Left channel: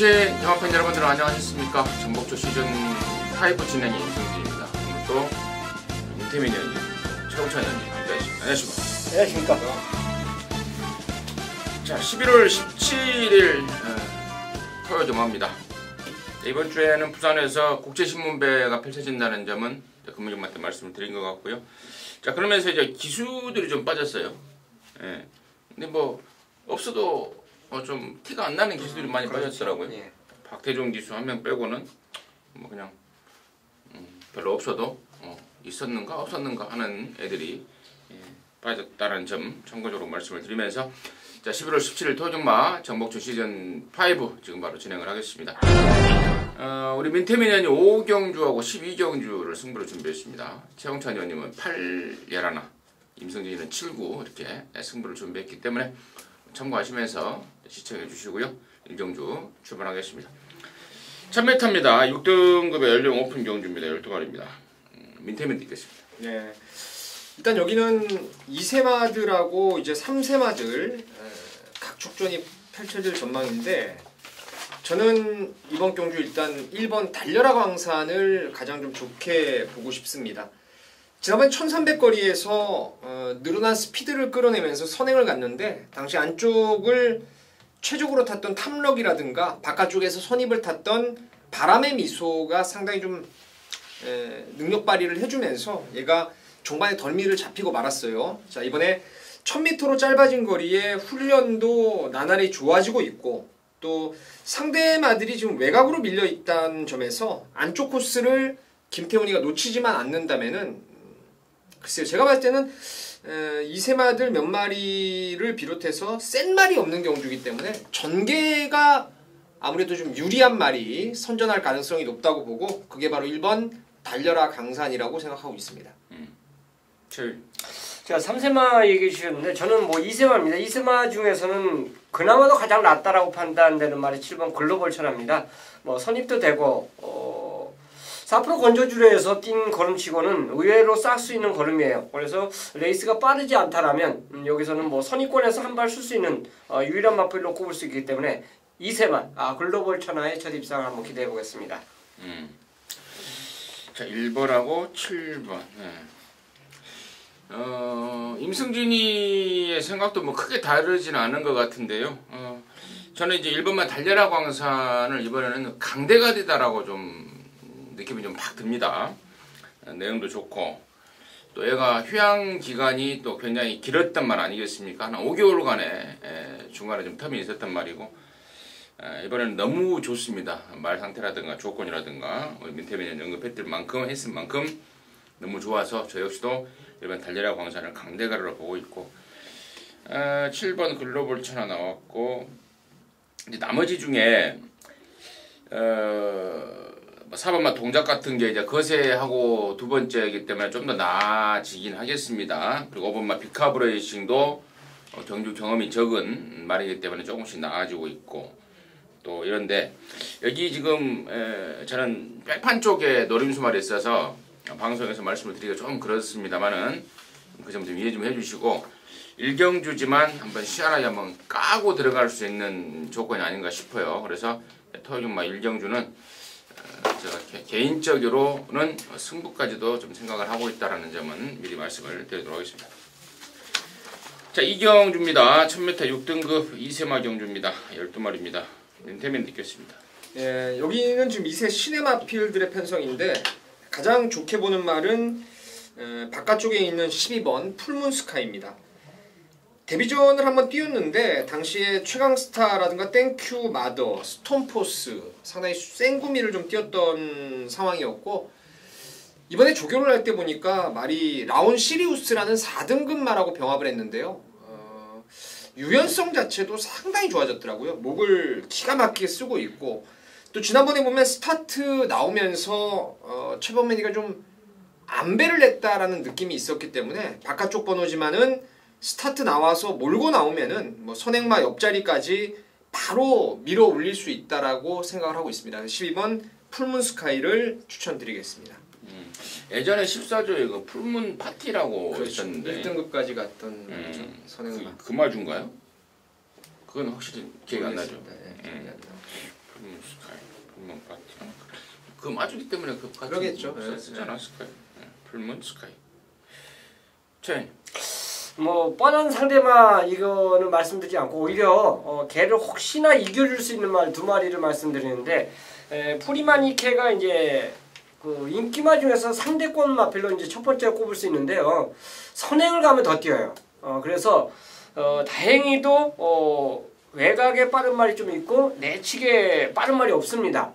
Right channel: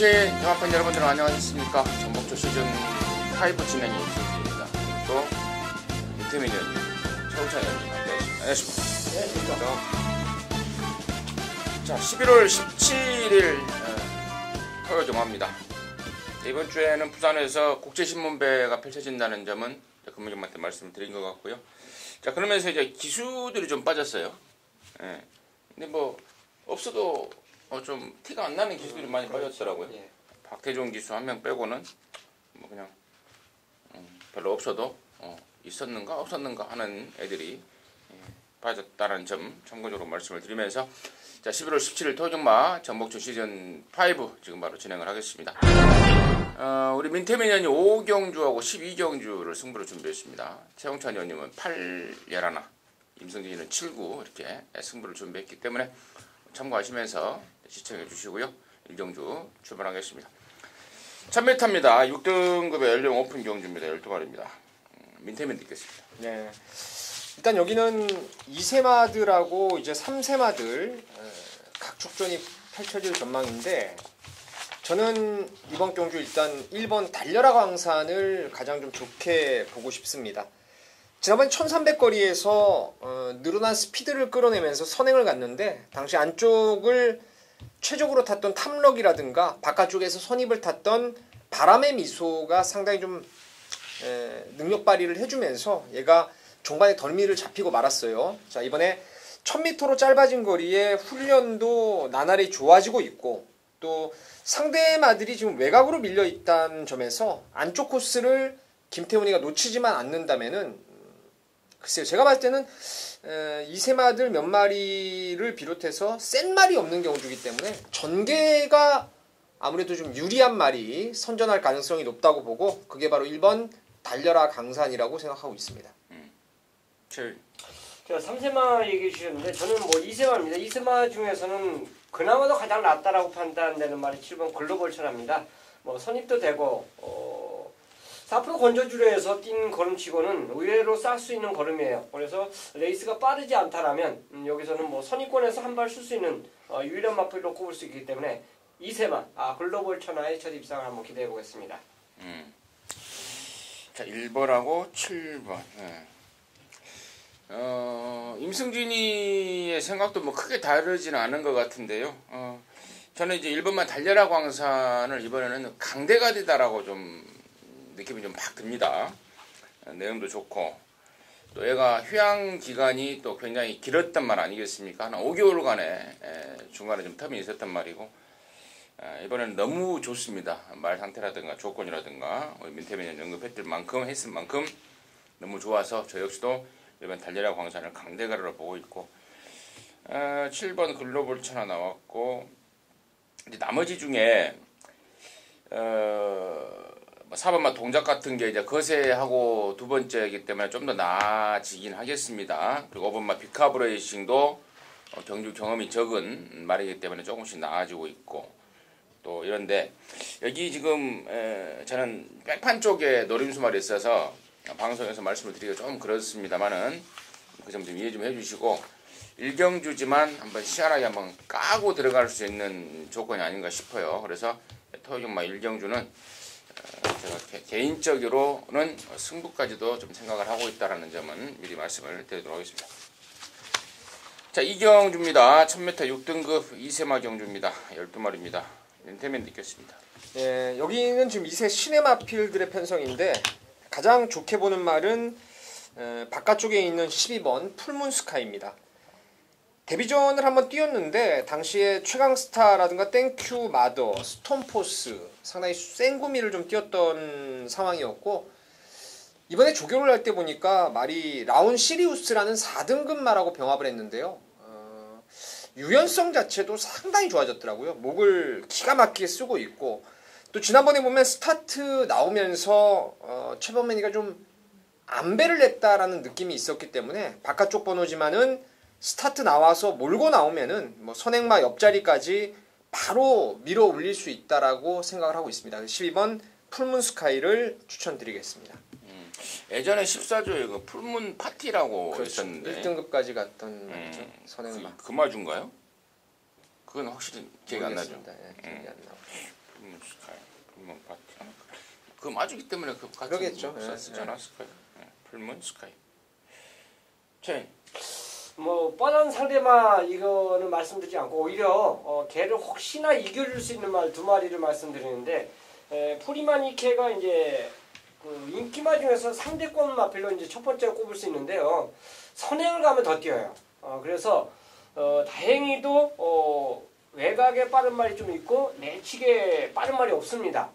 보신 영업팬 여러분들 안녕하셨습니까? 전복조 시즌 5 진행이 있습니다. 또 김태민은 철천입니다. 안녕하십니까? 안녕하십니까? 자, 11월 17일 토요일 정오입니다. 이번 주에는 부산에서 국제신문배가 펼쳐진다는 점은 금융님한테 말씀을 드린 것 같고요. 자, 그러면서 이제 기수들이 좀 빠졌어요. 예. 근데 뭐 없어도 좀 티가 안 나는 기수들이 많이 빠졌더라고요. 예. 박태종 기수 한 명 빼고는 뭐 그냥 별로 없어도 있었는가 없었는가 하는 애들이 빠졌다는 점 참고적으로 말씀을 드리면서 자, 11월 17일 토요일마 전복조 시즌 5 지금 바로 진행을 하겠습니다. 우리 민태민 의원이 5경주하고 12경주를 승부를 준비했습니다. 최홍찬 의원님은 8-11, 임성진이는 7-9 이렇게 승부를 준비했기 때문에 참고하시면서 시청해 주시고요. 1경주 출발하겠습니다. 1000m입니다. 6등급의 연령 오픈 경주입니다. 12마리입니다. 민태민 듣겠습니다. 네. 일단 여기는 2세마들하고 이제 3세마들 각 축전이 펼쳐질 전망인데 저는 이번 경주 일단 1번 달려라 광산을 가장 좀 좋게 보고 싶습니다. 지난번 1300거리에서 늘어난 스피드를 끌어내면서 선행을 갔는데 당시 안쪽을 최적으로 탔던 탐럭이라든가 바깥쪽에서 선입을 탔던 바람의 미소가 상당히 좀 능력 발휘를 해주면서 얘가 종반에 덜미를 잡히고 말았어요. 자, 이번에 1000m로 짧아진 거리에 훈련도 나날이 좋아지고 있고 또 상대 마들이 지금 외곽으로 밀려 있다는 점에서 안쪽 코스를 김태훈이가 놓치지만 않는다면은 글쎄요, 제가 봤을 때는 2세마들 몇 마리를 비롯해서 센 말이 없는 경주이기 때문에 전개가 아무래도 좀 유리한 말이 선전할 가능성이 높다고 보고 그게 바로 1번 달려라 강산이라고 생각하고 있습니다. 제가 3세마 얘기해 주셨는데 저는 뭐 2세마입니다. 2세마 중에서는 그나마도 가장 낫다라고 판단되는 말이 7번 글로벌 천하입니다. 뭐 선입도 되고 4% 건조줄에서 뛴 걸음치고는 의외로 쌀 수 있는 걸음이에요. 그래서 레이스가 빠르지 않다라면 여기서는 뭐 선입권에서 한 발 쓸 수 있는 유일한 마필로 꼽을 수 있기 때문에 2세마 글로벌 천하의 첫 입상을 한번 기대해 보겠습니다. 자, 1번하고 7번. 임승진이의 생각도 뭐 크게 다르지는 않은 것 같은데요. 저는 이제 1번만 달려라 광산을 이번에는 강대가리다라고 좀 느낌이 좀 팍 듭니다. 내용도 좋고 또 얘가 휴양 기간이 또 굉장히 길었단 말 아니겠습니까? 한 5개월간의 중간에 좀 텀이 있었단 말이고 이번에는 너무 좋습니다. 말 상태라든가 조건이라든가 우리 민태민이 언급했을 만큼 너무 좋아서 저 역시도 일반 달려라 광산을 강대가리로 보고 있고 7번 글로벌 천하 나왔고 이제 나머지 중에 4번만 동작 같은 게 이제 거세하고 두 번째이기 때문에 좀 더 나아지긴 하겠습니다. 그리고 5번만 비카브레이싱도 경주 경험이 적은 말이기 때문에 조금씩 나아지고 있고 또 이런데 여기 지금 저는 백판 쪽에 노림수말이 있어서 방송에서 말씀을 드리기가 좀 그렇습니다만은 그 점 좀 이해 좀 해주시고 1경주지만 한번 시원하게 한번 까고 들어갈 수 있는 조건이 아닌가 싶어요. 그래서 토요일마 1경주는 제가 개인적으로는 승부까지도 좀 생각을 하고 있다는 점은 미리 말씀을 드리도록 하겠습니다. 자, 2경주입니다. 1000m 6등급 2세마 경주입니다. 12마리입니다. 민태민 듣겠습니다. 예, 여기는 지금 2세 시네마필들의 편성인데 가장 좋게 보는 말은 바깥쪽에 있는 12번 풀문스카이입니다. 데뷔전을 한번 뛰었는데 당시에 최강스타라든가 땡큐 마더, 스톰포스 상당히 생구미를 좀 뛰었던 상황이었고 이번에 조교를 할 때 보니까 말이 라온 시리우스라는 4등급 말하고 병합을 했는데요. 유연성 자체도 상당히 좋아졌더라고요. 목을 기가 막히게 쓰고 있고 또 지난번에 보면 스타트 나오면서 최범맨이가 좀 안배를 냈다라는 느낌이 있었기 때문에 바깥쪽 번호지만은 스타트 나와서 몰고 나오면은 뭐 선행마 옆자리까지 바로 밀어 올릴 수 있다라고 생각을 하고 있습니다. 12번 풀문스카이를 추천드리겠습니다. 예전에 14조에 그 풀문 파티라고 그렇죠. 있었는데 1등급까지 갔던 선행마. 그 마주인가요? 그건 확실히 기억이 안 나죠. 네, 기억이 안 나요. 그 마주기 때문에 그 같이 그러겠죠. 쓰지 않았을까요? 풀문 스카이. 자, 뭐 뻔한 상대마 이거는 말씀드리지 않고 오히려 걔를 혹시나 이겨줄 수 있는 말 두 마리를 말씀드리는데 프리마니케가 이제 그 인기마 중에서 상대권 마필로 이제 첫 번째로 꼽을 수 있는데요. 선행을 가면 더 뛰어요. 그래서 다행히도 외곽에 빠른 말이 좀 있고 내측에 빠른 말이 없습니다.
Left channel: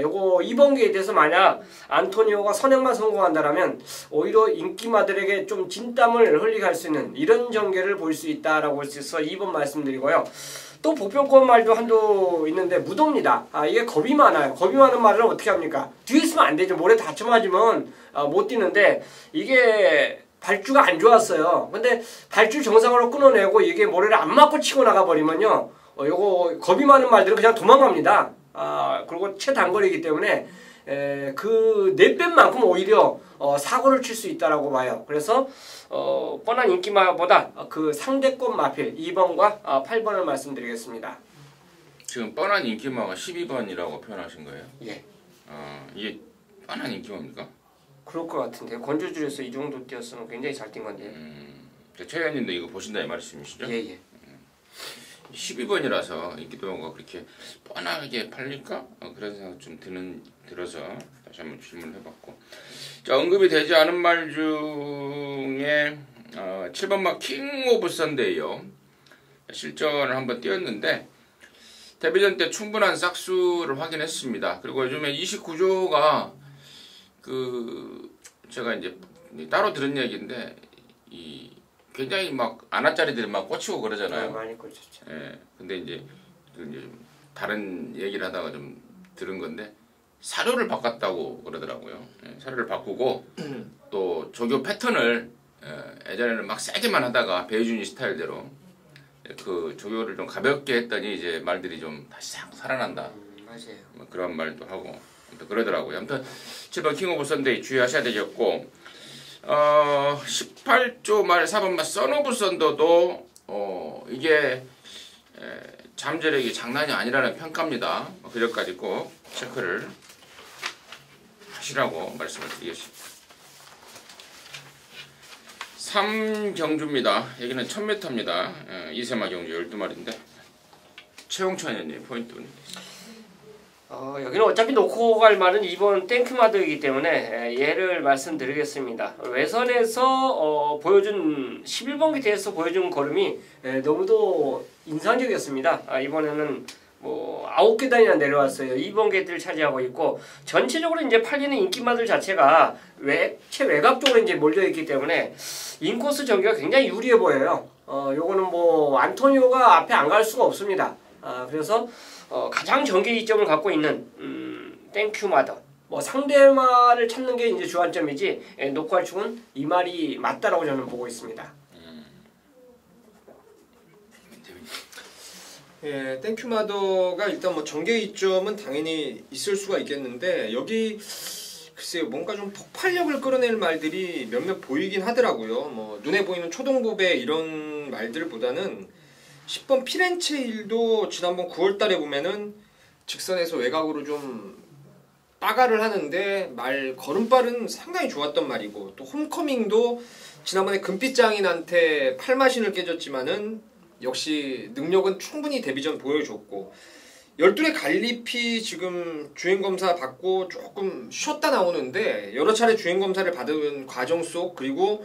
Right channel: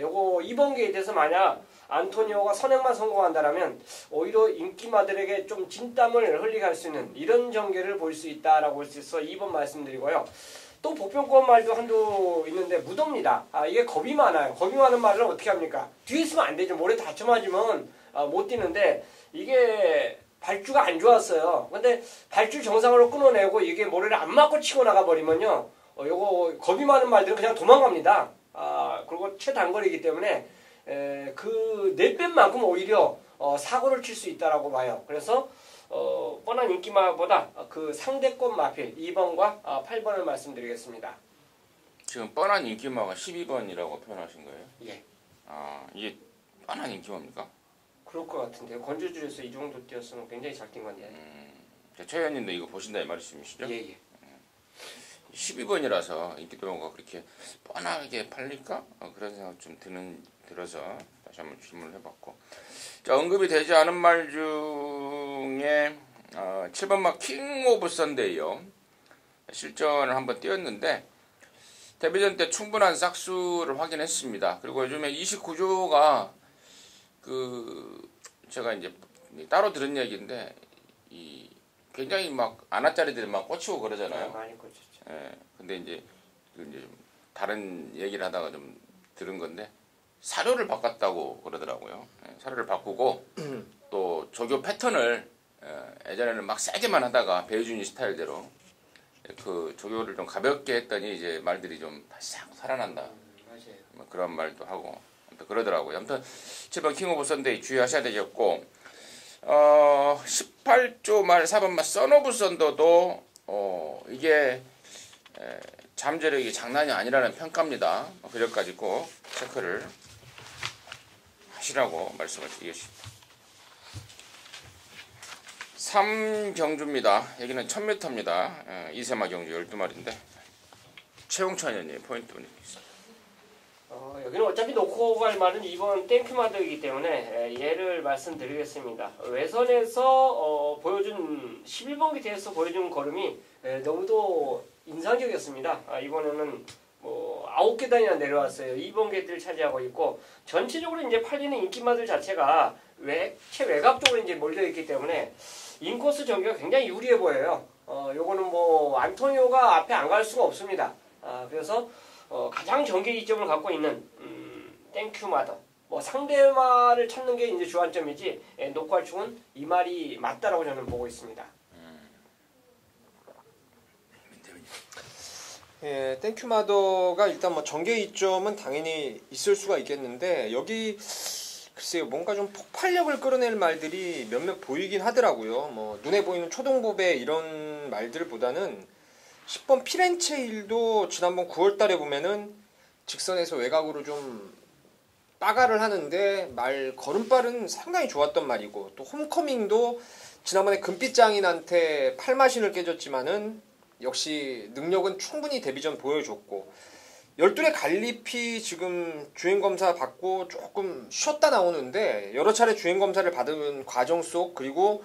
요거 이번 게이트에서 만약 안토니오가 선행만 성공한다라면 오히려 인기마들에게 좀 진땀을 흘리게 할 수 있는 이런 전개를 볼 수 있다라고 할 수 있어 2번 말씀드리고요. 또 보편권 말도 한두 있는데 무도입니다. 이게 겁이 많아요. 겁이 많은 말은 어떻게 합니까? 뒤에 있으면 안 되죠. 모래 다쳐 맞으면 못 뛰는데 이게 발주가 안 좋았어요. 근데 발주 정상으로 끊어내고 이게 모래를 안 맞고 치고 나가버리면요. 요거 겁이 많은 말들은 그냥 도망갑니다. 그리고 최단거리이기 때문에 그 4배만큼 오히려 사고를 칠 수 있다라고 봐요. 그래서 뻔한 인기마보다 그 상대권 마필 2번과 8번을 말씀드리겠습니다. 지금 뻔한 인기마가 12번이라고 표현하신 거예요? 예. 이게 뻔한 인기마입니까? 그럴 것 같은데요. 건조줄에서 이 정도 뛰었으면 굉장히 잘 뛴 건데. 최 의원님도 이거 보신다 이 말씀이시죠? 예예. 12번이라서 인기도가 그렇게 뻔하게 팔릴까? 그런 생각 좀 들어서 다시 한번 질문을 해봤고, 자, 언급이 되지 않은 말 중에 7번마 킹 오브 선데이요. 실전을 한번 뛰었는데 데뷔전 때 충분한 싹수를 확인했습니다. 그리고 요즘에 29조가 제가 이제 따로 들은 얘기인데 굉장히 막 아나짜리들이 막 꽂히고 그러잖아요. 많이 꽂혔죠. 예. 근데 이제 다른 얘기를 하다가 좀 들은 건데 사료를 바꿨다고 그러더라고요. 사료를 바꾸고 또 조교 패턴을 예전에는 막 세게만 하다가 배우준이 스타일대로 그 조교를 좀 가볍게 했더니 이제 말들이 좀 다시 싹 살아난다. 맞아요. 뭐 그런 말도 하고 그러더라고요. 아무튼 7번 킹 오브 선데이 주의하셔야 되겠고 18조 말 4번 말 선 오브 선더도 이게 잠재력이 장난이 아니라는 평가입니다. 그전까지 꼭 체크를 하시라고 말씀을 드리겠습니다. 3경주입니다. 여기는 1000m입니다. 이세마 경주 12마리인데 최홍천 의원님 포인트 올리겠습니다. 여기는 어차피 놓고 갈 말은 2번 땡큐마드이기 때문에 얘를 말씀드리겠습니다. 외선에서 보여준 11번 기태에서 보여준 걸음이 너무도 인상적이었습니다. 이번에는 뭐 9계단이나 내려왔어요. 2번 게이트를 차지하고 있고 전체적으로 이제 팔리는 인기마들 자체가 최외곽 쪽으로 이제 몰려 있기 때문에 인코스 전개가 굉장히 유리해 보여요. 요거는 뭐 안토니오가 앞에 안 갈 수가 없습니다. 그래서 가장 전개 이점을 갖고 있는 땡큐마더 뭐 상대말을 찾는 게 이제 주안점이지 녹화축은 이 말이 맞다라고 저는 보고 있습니다. 예, 땡큐마더가 일단 뭐 전개 이점은 당연히 있을 수가 있겠는데 여기 글쎄요 뭔가 좀 폭발력을 끌어낼 말들이 몇몇 보이긴 하더라고요. 뭐 눈에 보이는 초동보배 이런 말들보다는 10번 피렌체 일도 지난번 9월달에 보면은 직선에서 외곽으로 좀 빠가를 하는데 말 걸음발은 상당히 좋았던 말이고 또 홈커밍도 지난번에 금빛장인한테 팔마신을 깨졌지만은 역시 능력은 충분히 데뷔전 보여줬고 12의 갈리피 지금 주행검사 받고 조금 쉬었다 나오는데 여러 차례 주행검사를 받은 과정 속 그리고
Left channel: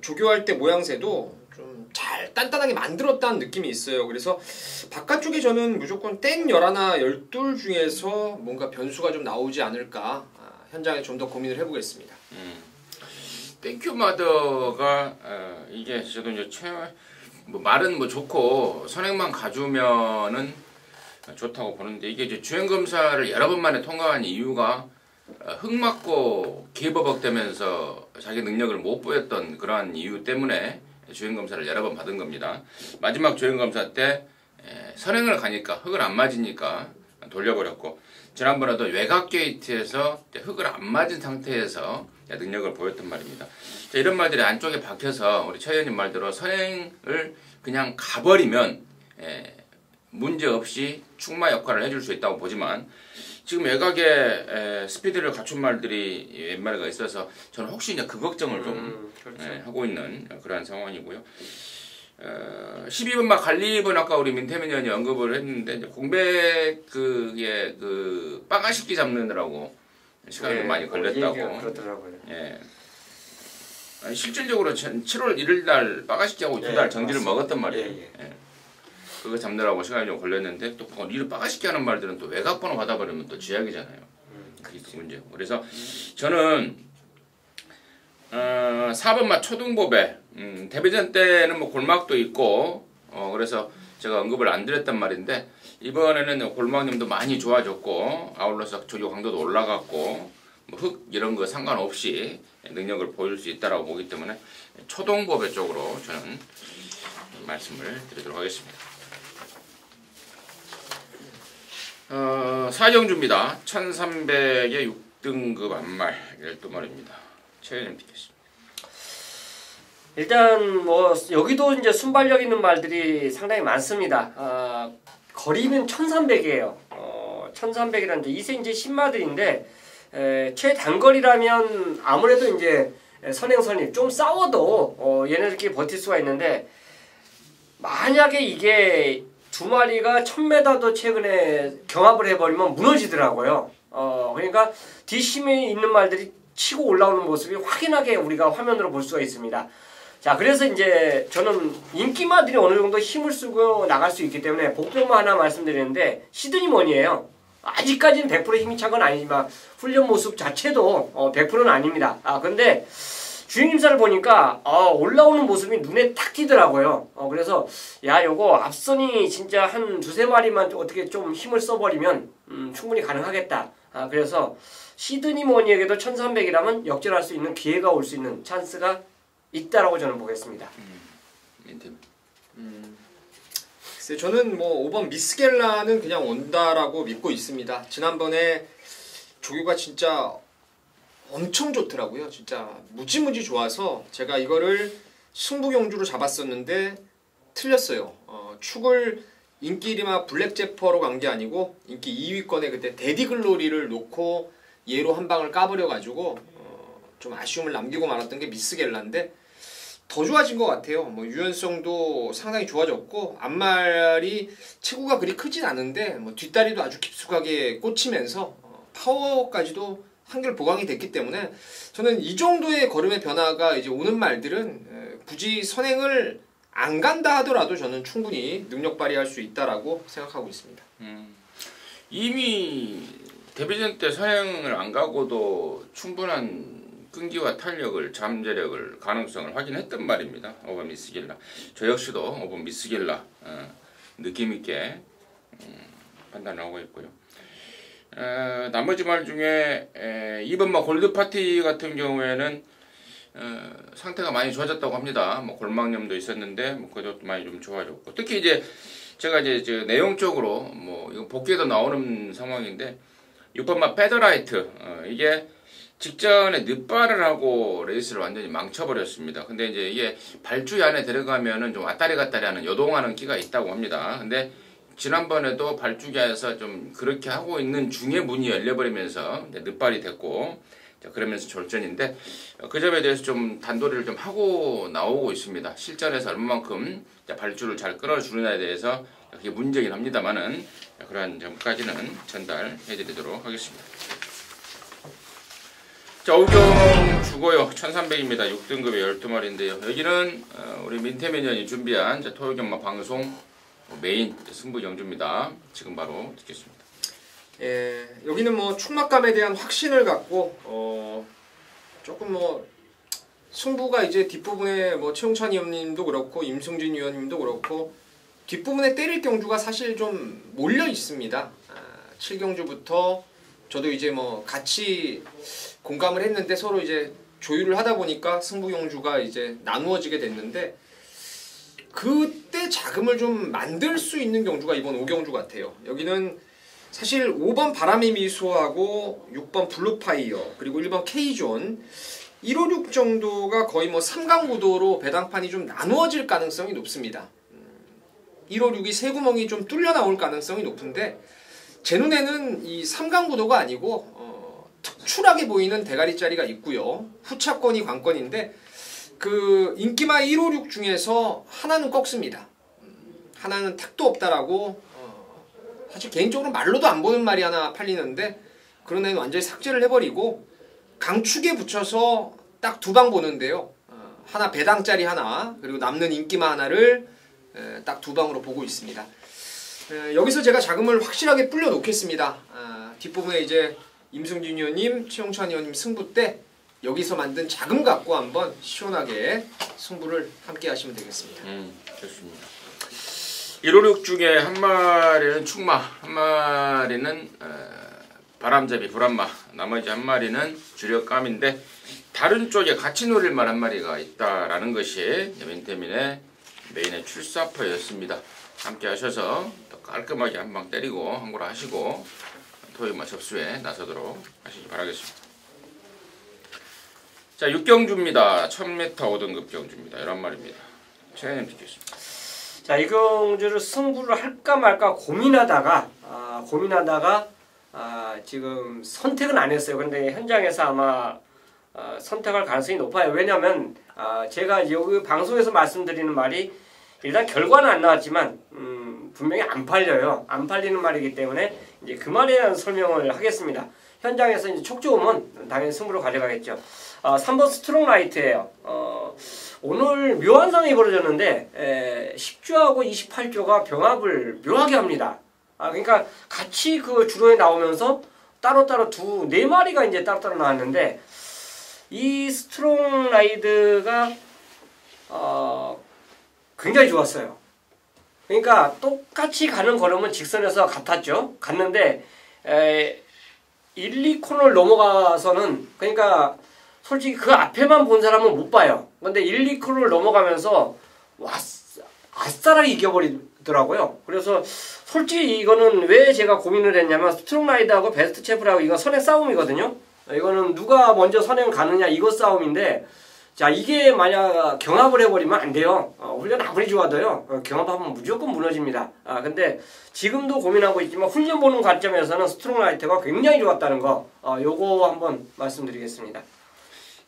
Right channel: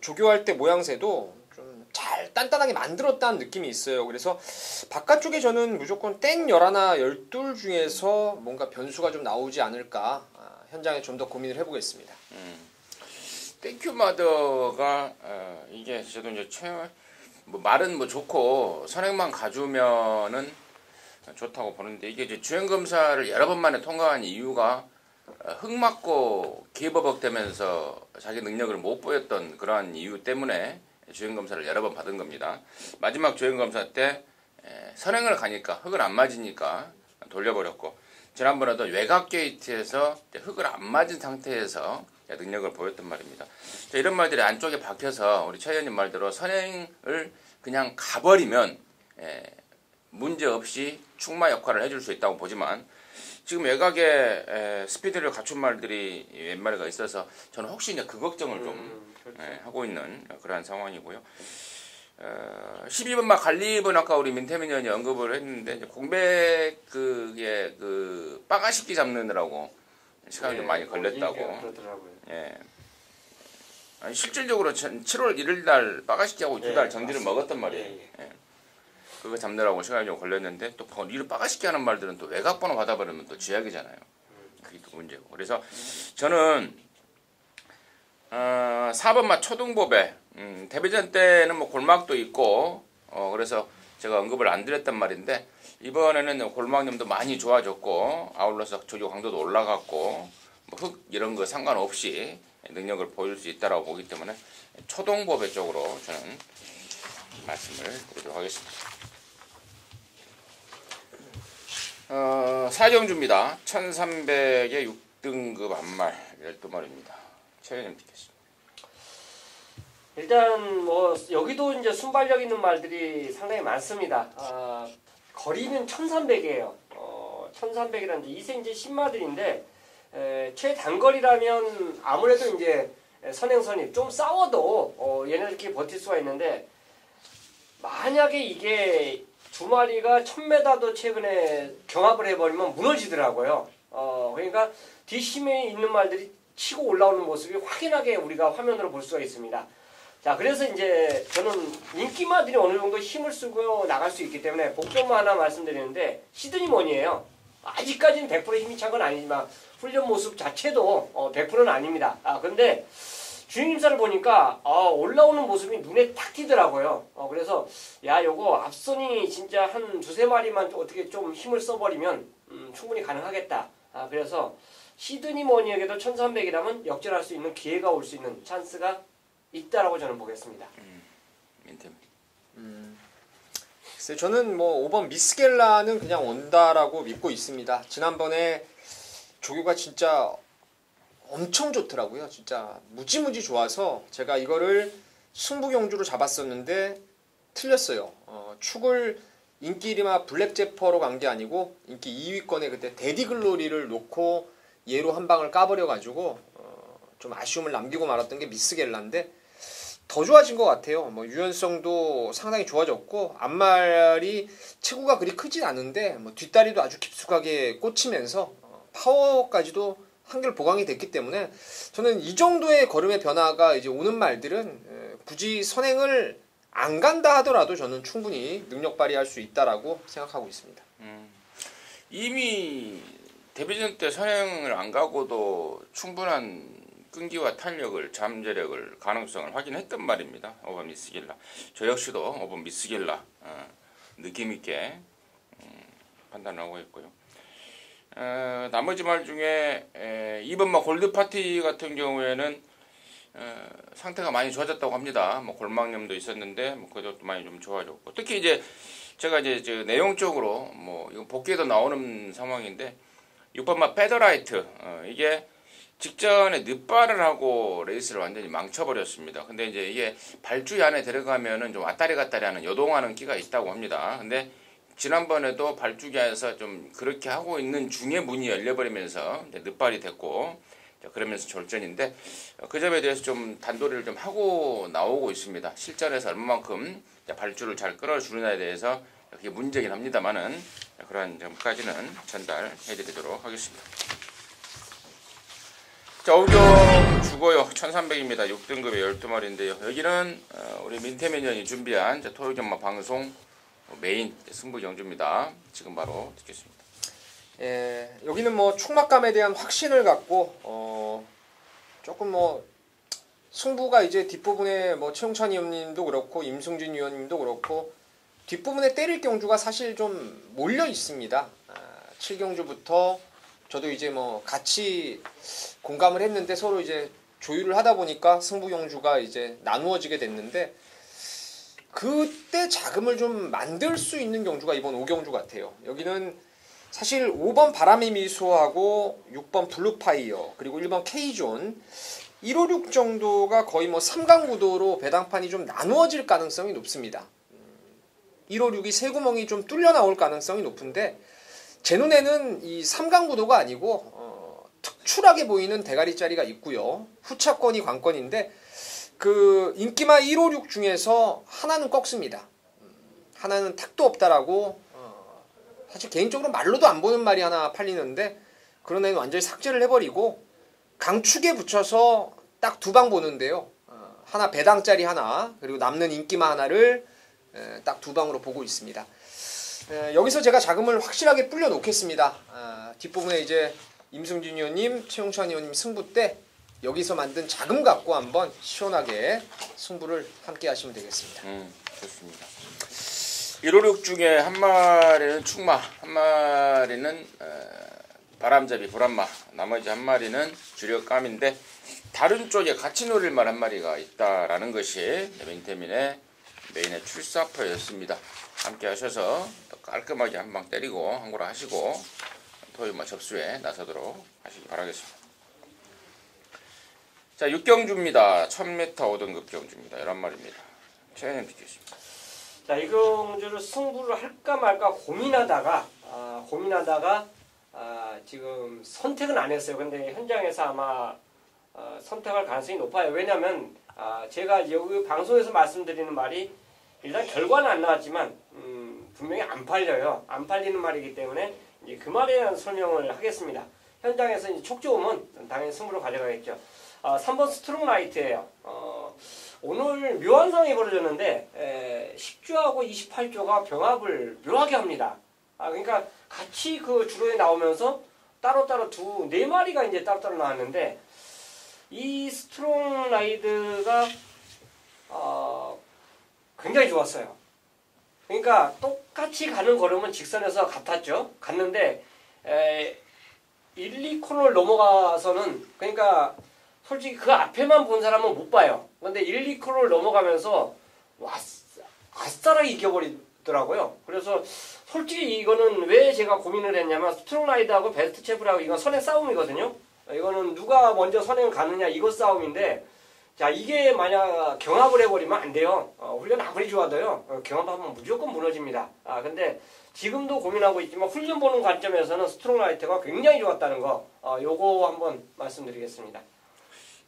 조교할 때 모양새도 좀 잘 단단하게 만들었다는 느낌이 있어요. 그래서 바깥쪽에 저는 무조건 땡 11, 12 중에서 뭔가 변수가 좀 나오지 않을까 현장에 좀 더 고민을 해보겠습니다. 땡큐마더가 이게 저도 이제 뭐 말은 뭐 좋고 선행만 가주면은 좋다고 보는데 이게 이제 주행검사를 여러 번 만에 통과한 이유가 흙 맞고 기버벅대면서 자기 능력을 못 보였던 그러한 이유 때문에 주행검사를 여러 번 받은 겁니다. 마지막 주행검사 때 선행을 가니까 흙을 안 맞으니까 돌려버렸고 지난번에도 외곽 게이트에서 흙을 안 맞은 상태에서 능력을 보였단 말입니다. 이런 말들이 안쪽에 박혀서 우리 최 의원님 말대로 선행을 그냥 가버리면 문제없이 축마 역할을 해줄 수 있다고 보지만 지금 외곽에 스피드를 갖춘 말들이 몇 마리가 있어서 저는 혹시 이제 그 걱정을 좀 그렇죠. 하고 있는 그런 상황이고요. 12번 막 갈리번 아까 우리 민태민 의원이 언급을 했는데 이제 공백 그게 그 빠가식기 잡느라고 시간이 좀 많이 걸렸다고. 그러더라고요. 예. 아니, 실질적으로 7월 1일 날 빠가식기하고 이튿날 정지를 먹었단 말이에요. 예. 그거 잡느라고 시간이 좀 걸렸는데 또 이를 빠가식기 하는 말들은 또 외곽번호 받아버리면 또 쥐약이잖아요. 그게 또 문제고. 그래서 저는 4번마 초등보배 데뷔전 때는 뭐 골막도 있고 그래서 제가 언급을 안 드렸단 말인데 이번에는 골막님도 많이 좋아졌고 아울러서 조교 강도도 올라갔고 뭐 흙 이런 거 상관없이 능력을 보일 수 있다라고 보기 때문에 초동보배 쪽으로 저는 말씀을 드리도록 하겠습니다. 사경주입니다. 1300의 6등급 안말 12마리입니다. 최현님 듣겠습니다. 일단 뭐 여기도 이제 순발력 있는 말들이 상당히 많습니다. 거리는 1300이에요. 1300이라는 이제 2cm 신마들인데 최단거리라면 아무래도 이제 선행선이 좀 싸워도 얘네들끼리 버틸 수가 있는데 만약에 이게 두 마리가 1000m도 최근에 경합을 해버리면 무너지더라고요. 그러니까 뒷심에 있는 말들이 치고 올라오는 모습이 확연하게 우리가 화면으로 볼 수가 있습니다. 자, 그래서 이제 저는 인기마들이 어느 정도 힘을 쓰고 나갈 수 있기 때문에 복병만 하나 말씀드리는데 시드니먼이에요. 아직까지는 100% 힘이 찬 건 아니지만 훈련 모습 자체도 100%는 아닙니다. 근데 주행임사를 보니까 올라오는 모습이 눈에 탁 띄더라고요. 그래서 야 요거 앞선이 진짜 한 두세 마리만 어떻게 좀 힘을 써버리면 충분히 가능하겠다. 그래서 시드니머니에게도 1300이라면 역전할 수 있는 기회가 올 수 있는 찬스가 있다라고 저는 보겠습니다. 글쎄 저는 뭐 5번 미스겔라는 그냥 온다라고 믿고 있습니다. 지난번에 조교가 진짜 엄청 좋더라고요. 진짜 무지무지 좋아서 제가 이거를 승부경주로 잡았었는데 틀렸어요. 축을 인기리마 블랙제퍼로 간 게 아니고 인기 2위권에 그때 데디글로리를 놓고 얘로 한 방을 까버려가지고 좀 아쉬움을 남기고 말았던 게 미스겔라인데 더 좋아진 것 같아요. 뭐 유연성도 상당히 좋아졌고 앞말이 체구가 그리 크진 않은데 뭐 뒷다리도 아주 깊숙하게 꽂히면서 파워까지도 한결 보강이 됐기 때문에 저는 이 정도의 걸음의 변화가 이제 오는 말들은 굳이 선행을 안 간다 하더라도 저는 충분히 능력 발휘할 수 있다라고 생각하고 있습니다. 이미 데뷔전 때 선행을 안 가고도 충분한 끈기와 탄력을, 잠재력을, 가능성을 확인했던 말입니다. 5번 미스겔라. 저 역시도 5번 미스겔라 느낌 있게 판단하고 있고요. 나머지 말 중에 2번 뭐 골드파티 같은 경우에는 상태가 많이 좋아졌다고 합니다. 뭐 골막염도 있었는데 뭐 그것도 많이 좀 좋아졌고 특히 이제 제가 이제 내용적으로 뭐 이거 복귀에도 나오는 상황인데 6번 막 페더라이트 이게 직전에 늦발을 하고 레이스를 완전히 망쳐버렸습니다. 근데 이제 이게 발주위 안에 들어가면은 좀 왔다리 갔다리 하는 요동하는 끼가 있다고 합니다. 근데 지난번에도 발주기에서 좀 그렇게 하고 있는 중에 문이 열려버리면서 늦발이 됐고 그러면서 졸전인데 그 점에 대해서 좀 단도리를 좀 하고 나오고 있습니다. 실전에서 얼마만큼 발주를 잘 끊어주느냐에 대해서 그게 문제긴 합니다만은 그러한 점까지는 전달해드리도록 하겠습니다. 자, 오경 주고요. 1300입니다. 6등급의 12마리인데요. 여기는 우리 민태민연이 준비한 토요경마 방송 메인 승부 경주입니다. 지금 바로 듣겠습니다. 여기는 뭐 충막감에 대한 확신을 갖고 조금 뭐 승부가 이제 뒷부분에 뭐 최용찬 위원님도 그렇고 임승진 위원님도 그렇고 뒷부분에 때릴 경주가 사실 좀 몰려 있습니다. 7경주부터 저도 이제 뭐 같이 공감을 했는데 서로 이제 조율을 하다 보니까 승부 경주가 이제 나누어지게 됐는데 그때 자금을 좀 만들 수 있는 경주가 이번 5경주 같아요. 여기는 사실 5번 바람의 미소하고 6번 블루파이어 그리고 1번 K존 156 정도가 거의 뭐 3강 구도로 배당판이 좀 나누어질 가능성이 높습니다. 156이 세 구멍이 좀 뚫려 나올 가능성이 높은데 제 눈에는 이 삼강구도가 아니고 특출하게 보이는 대가리짜리가 있고요. 후차권이 관건인데 그 인기마 156 중에서 하나는 꺾습니다. 하나는 택도 없다라고 사실 개인적으로 말로도 안 보는 말이 하나 팔리는데 그런 애는 완전히 삭제를 해버리고 강축에 붙여서 딱 두 방 보는데요. 하나 배당짜리 하나 그리고 남는 인기마 하나를 딱 두 방으로 보고 있습니다. 여기서 제가 자금을 확실하게 불려 놓겠습니다. 뒷부분에 이제 임승준 의원님, 최용찬 의원님 승부 때 여기서 만든 자금 갖고 한번 시원하게 승부를 함께 하시면 되겠습니다. 좋습니다. 156 중에 한 마리는 축마, 한 마리는 바람잡이 불안마, 나머지 한 마리는 주력감인데 다른 쪽에 같이 노릴 만한 마리가 있다라는 것이 민태민의 메인의 출사표였습니다. 함께 하셔서 깔끔하게 한 방 때리고 항고라 하시고 토요일 접수에 나서도록 하시기 바라겠습니다. 자, 6경주입니다. 1000m 5등급 경주입니다. 11마리입니다. 최현님 비켰습니다. 자, 이 경주를 승부를 할까 말까 고민하다가 지금 선택은 안 했어요. 근데 현장에서 아마 선택할 가능성이 높아요. 왜냐면 제가 여기 방송에서 말씀드리는 말이 일단 결과는 안 나왔지만 분명히 안 팔려요. 안 팔리는 말이기 때문에 이제 그 말에 대한 설명을 하겠습니다. 현장에서 이제 촉 좋으면 당연히 승부로 가져가겠죠. 3번 스트롱 라이트예요. 오늘 묘한 상황이 벌어졌는데 10조하고 28조가 병합을 묘하게 합니다. 그러니까 같이 그 주로에 나오면서 따로따로 네 마리가 이제 따로따로 나왔는데 이 스트롱 라이드가 굉장히 좋았어요. 그러니까 똑같이 가는 걸음은 직선에서 같았죠. 갔는데 1, 2코너를 넘어가서는 그러니까 솔직히 그 앞에만 본 사람은 못 봐요. 근데 1, 2코너를 넘어가면서 아싸라게 이겨버리더라고요. 그래서 솔직히 이거는 왜 제가 고민을 했냐면 스트롱 라이드하고 베스트 챔프라고 이건 선행 싸움이거든요. 이거는 누가 먼저 선행 가느냐 이거 싸움인데 자 이게 만약 경합을 해버리면 안 돼요. 훈련 아무리 좋아도요. 경합하면 무조건 무너집니다. 근데 지금도 고민하고 있지만 훈련 보는 관점에서는 스트롱 라이트가 굉장히 좋았다는 거 요거 한번 말씀드리겠습니다.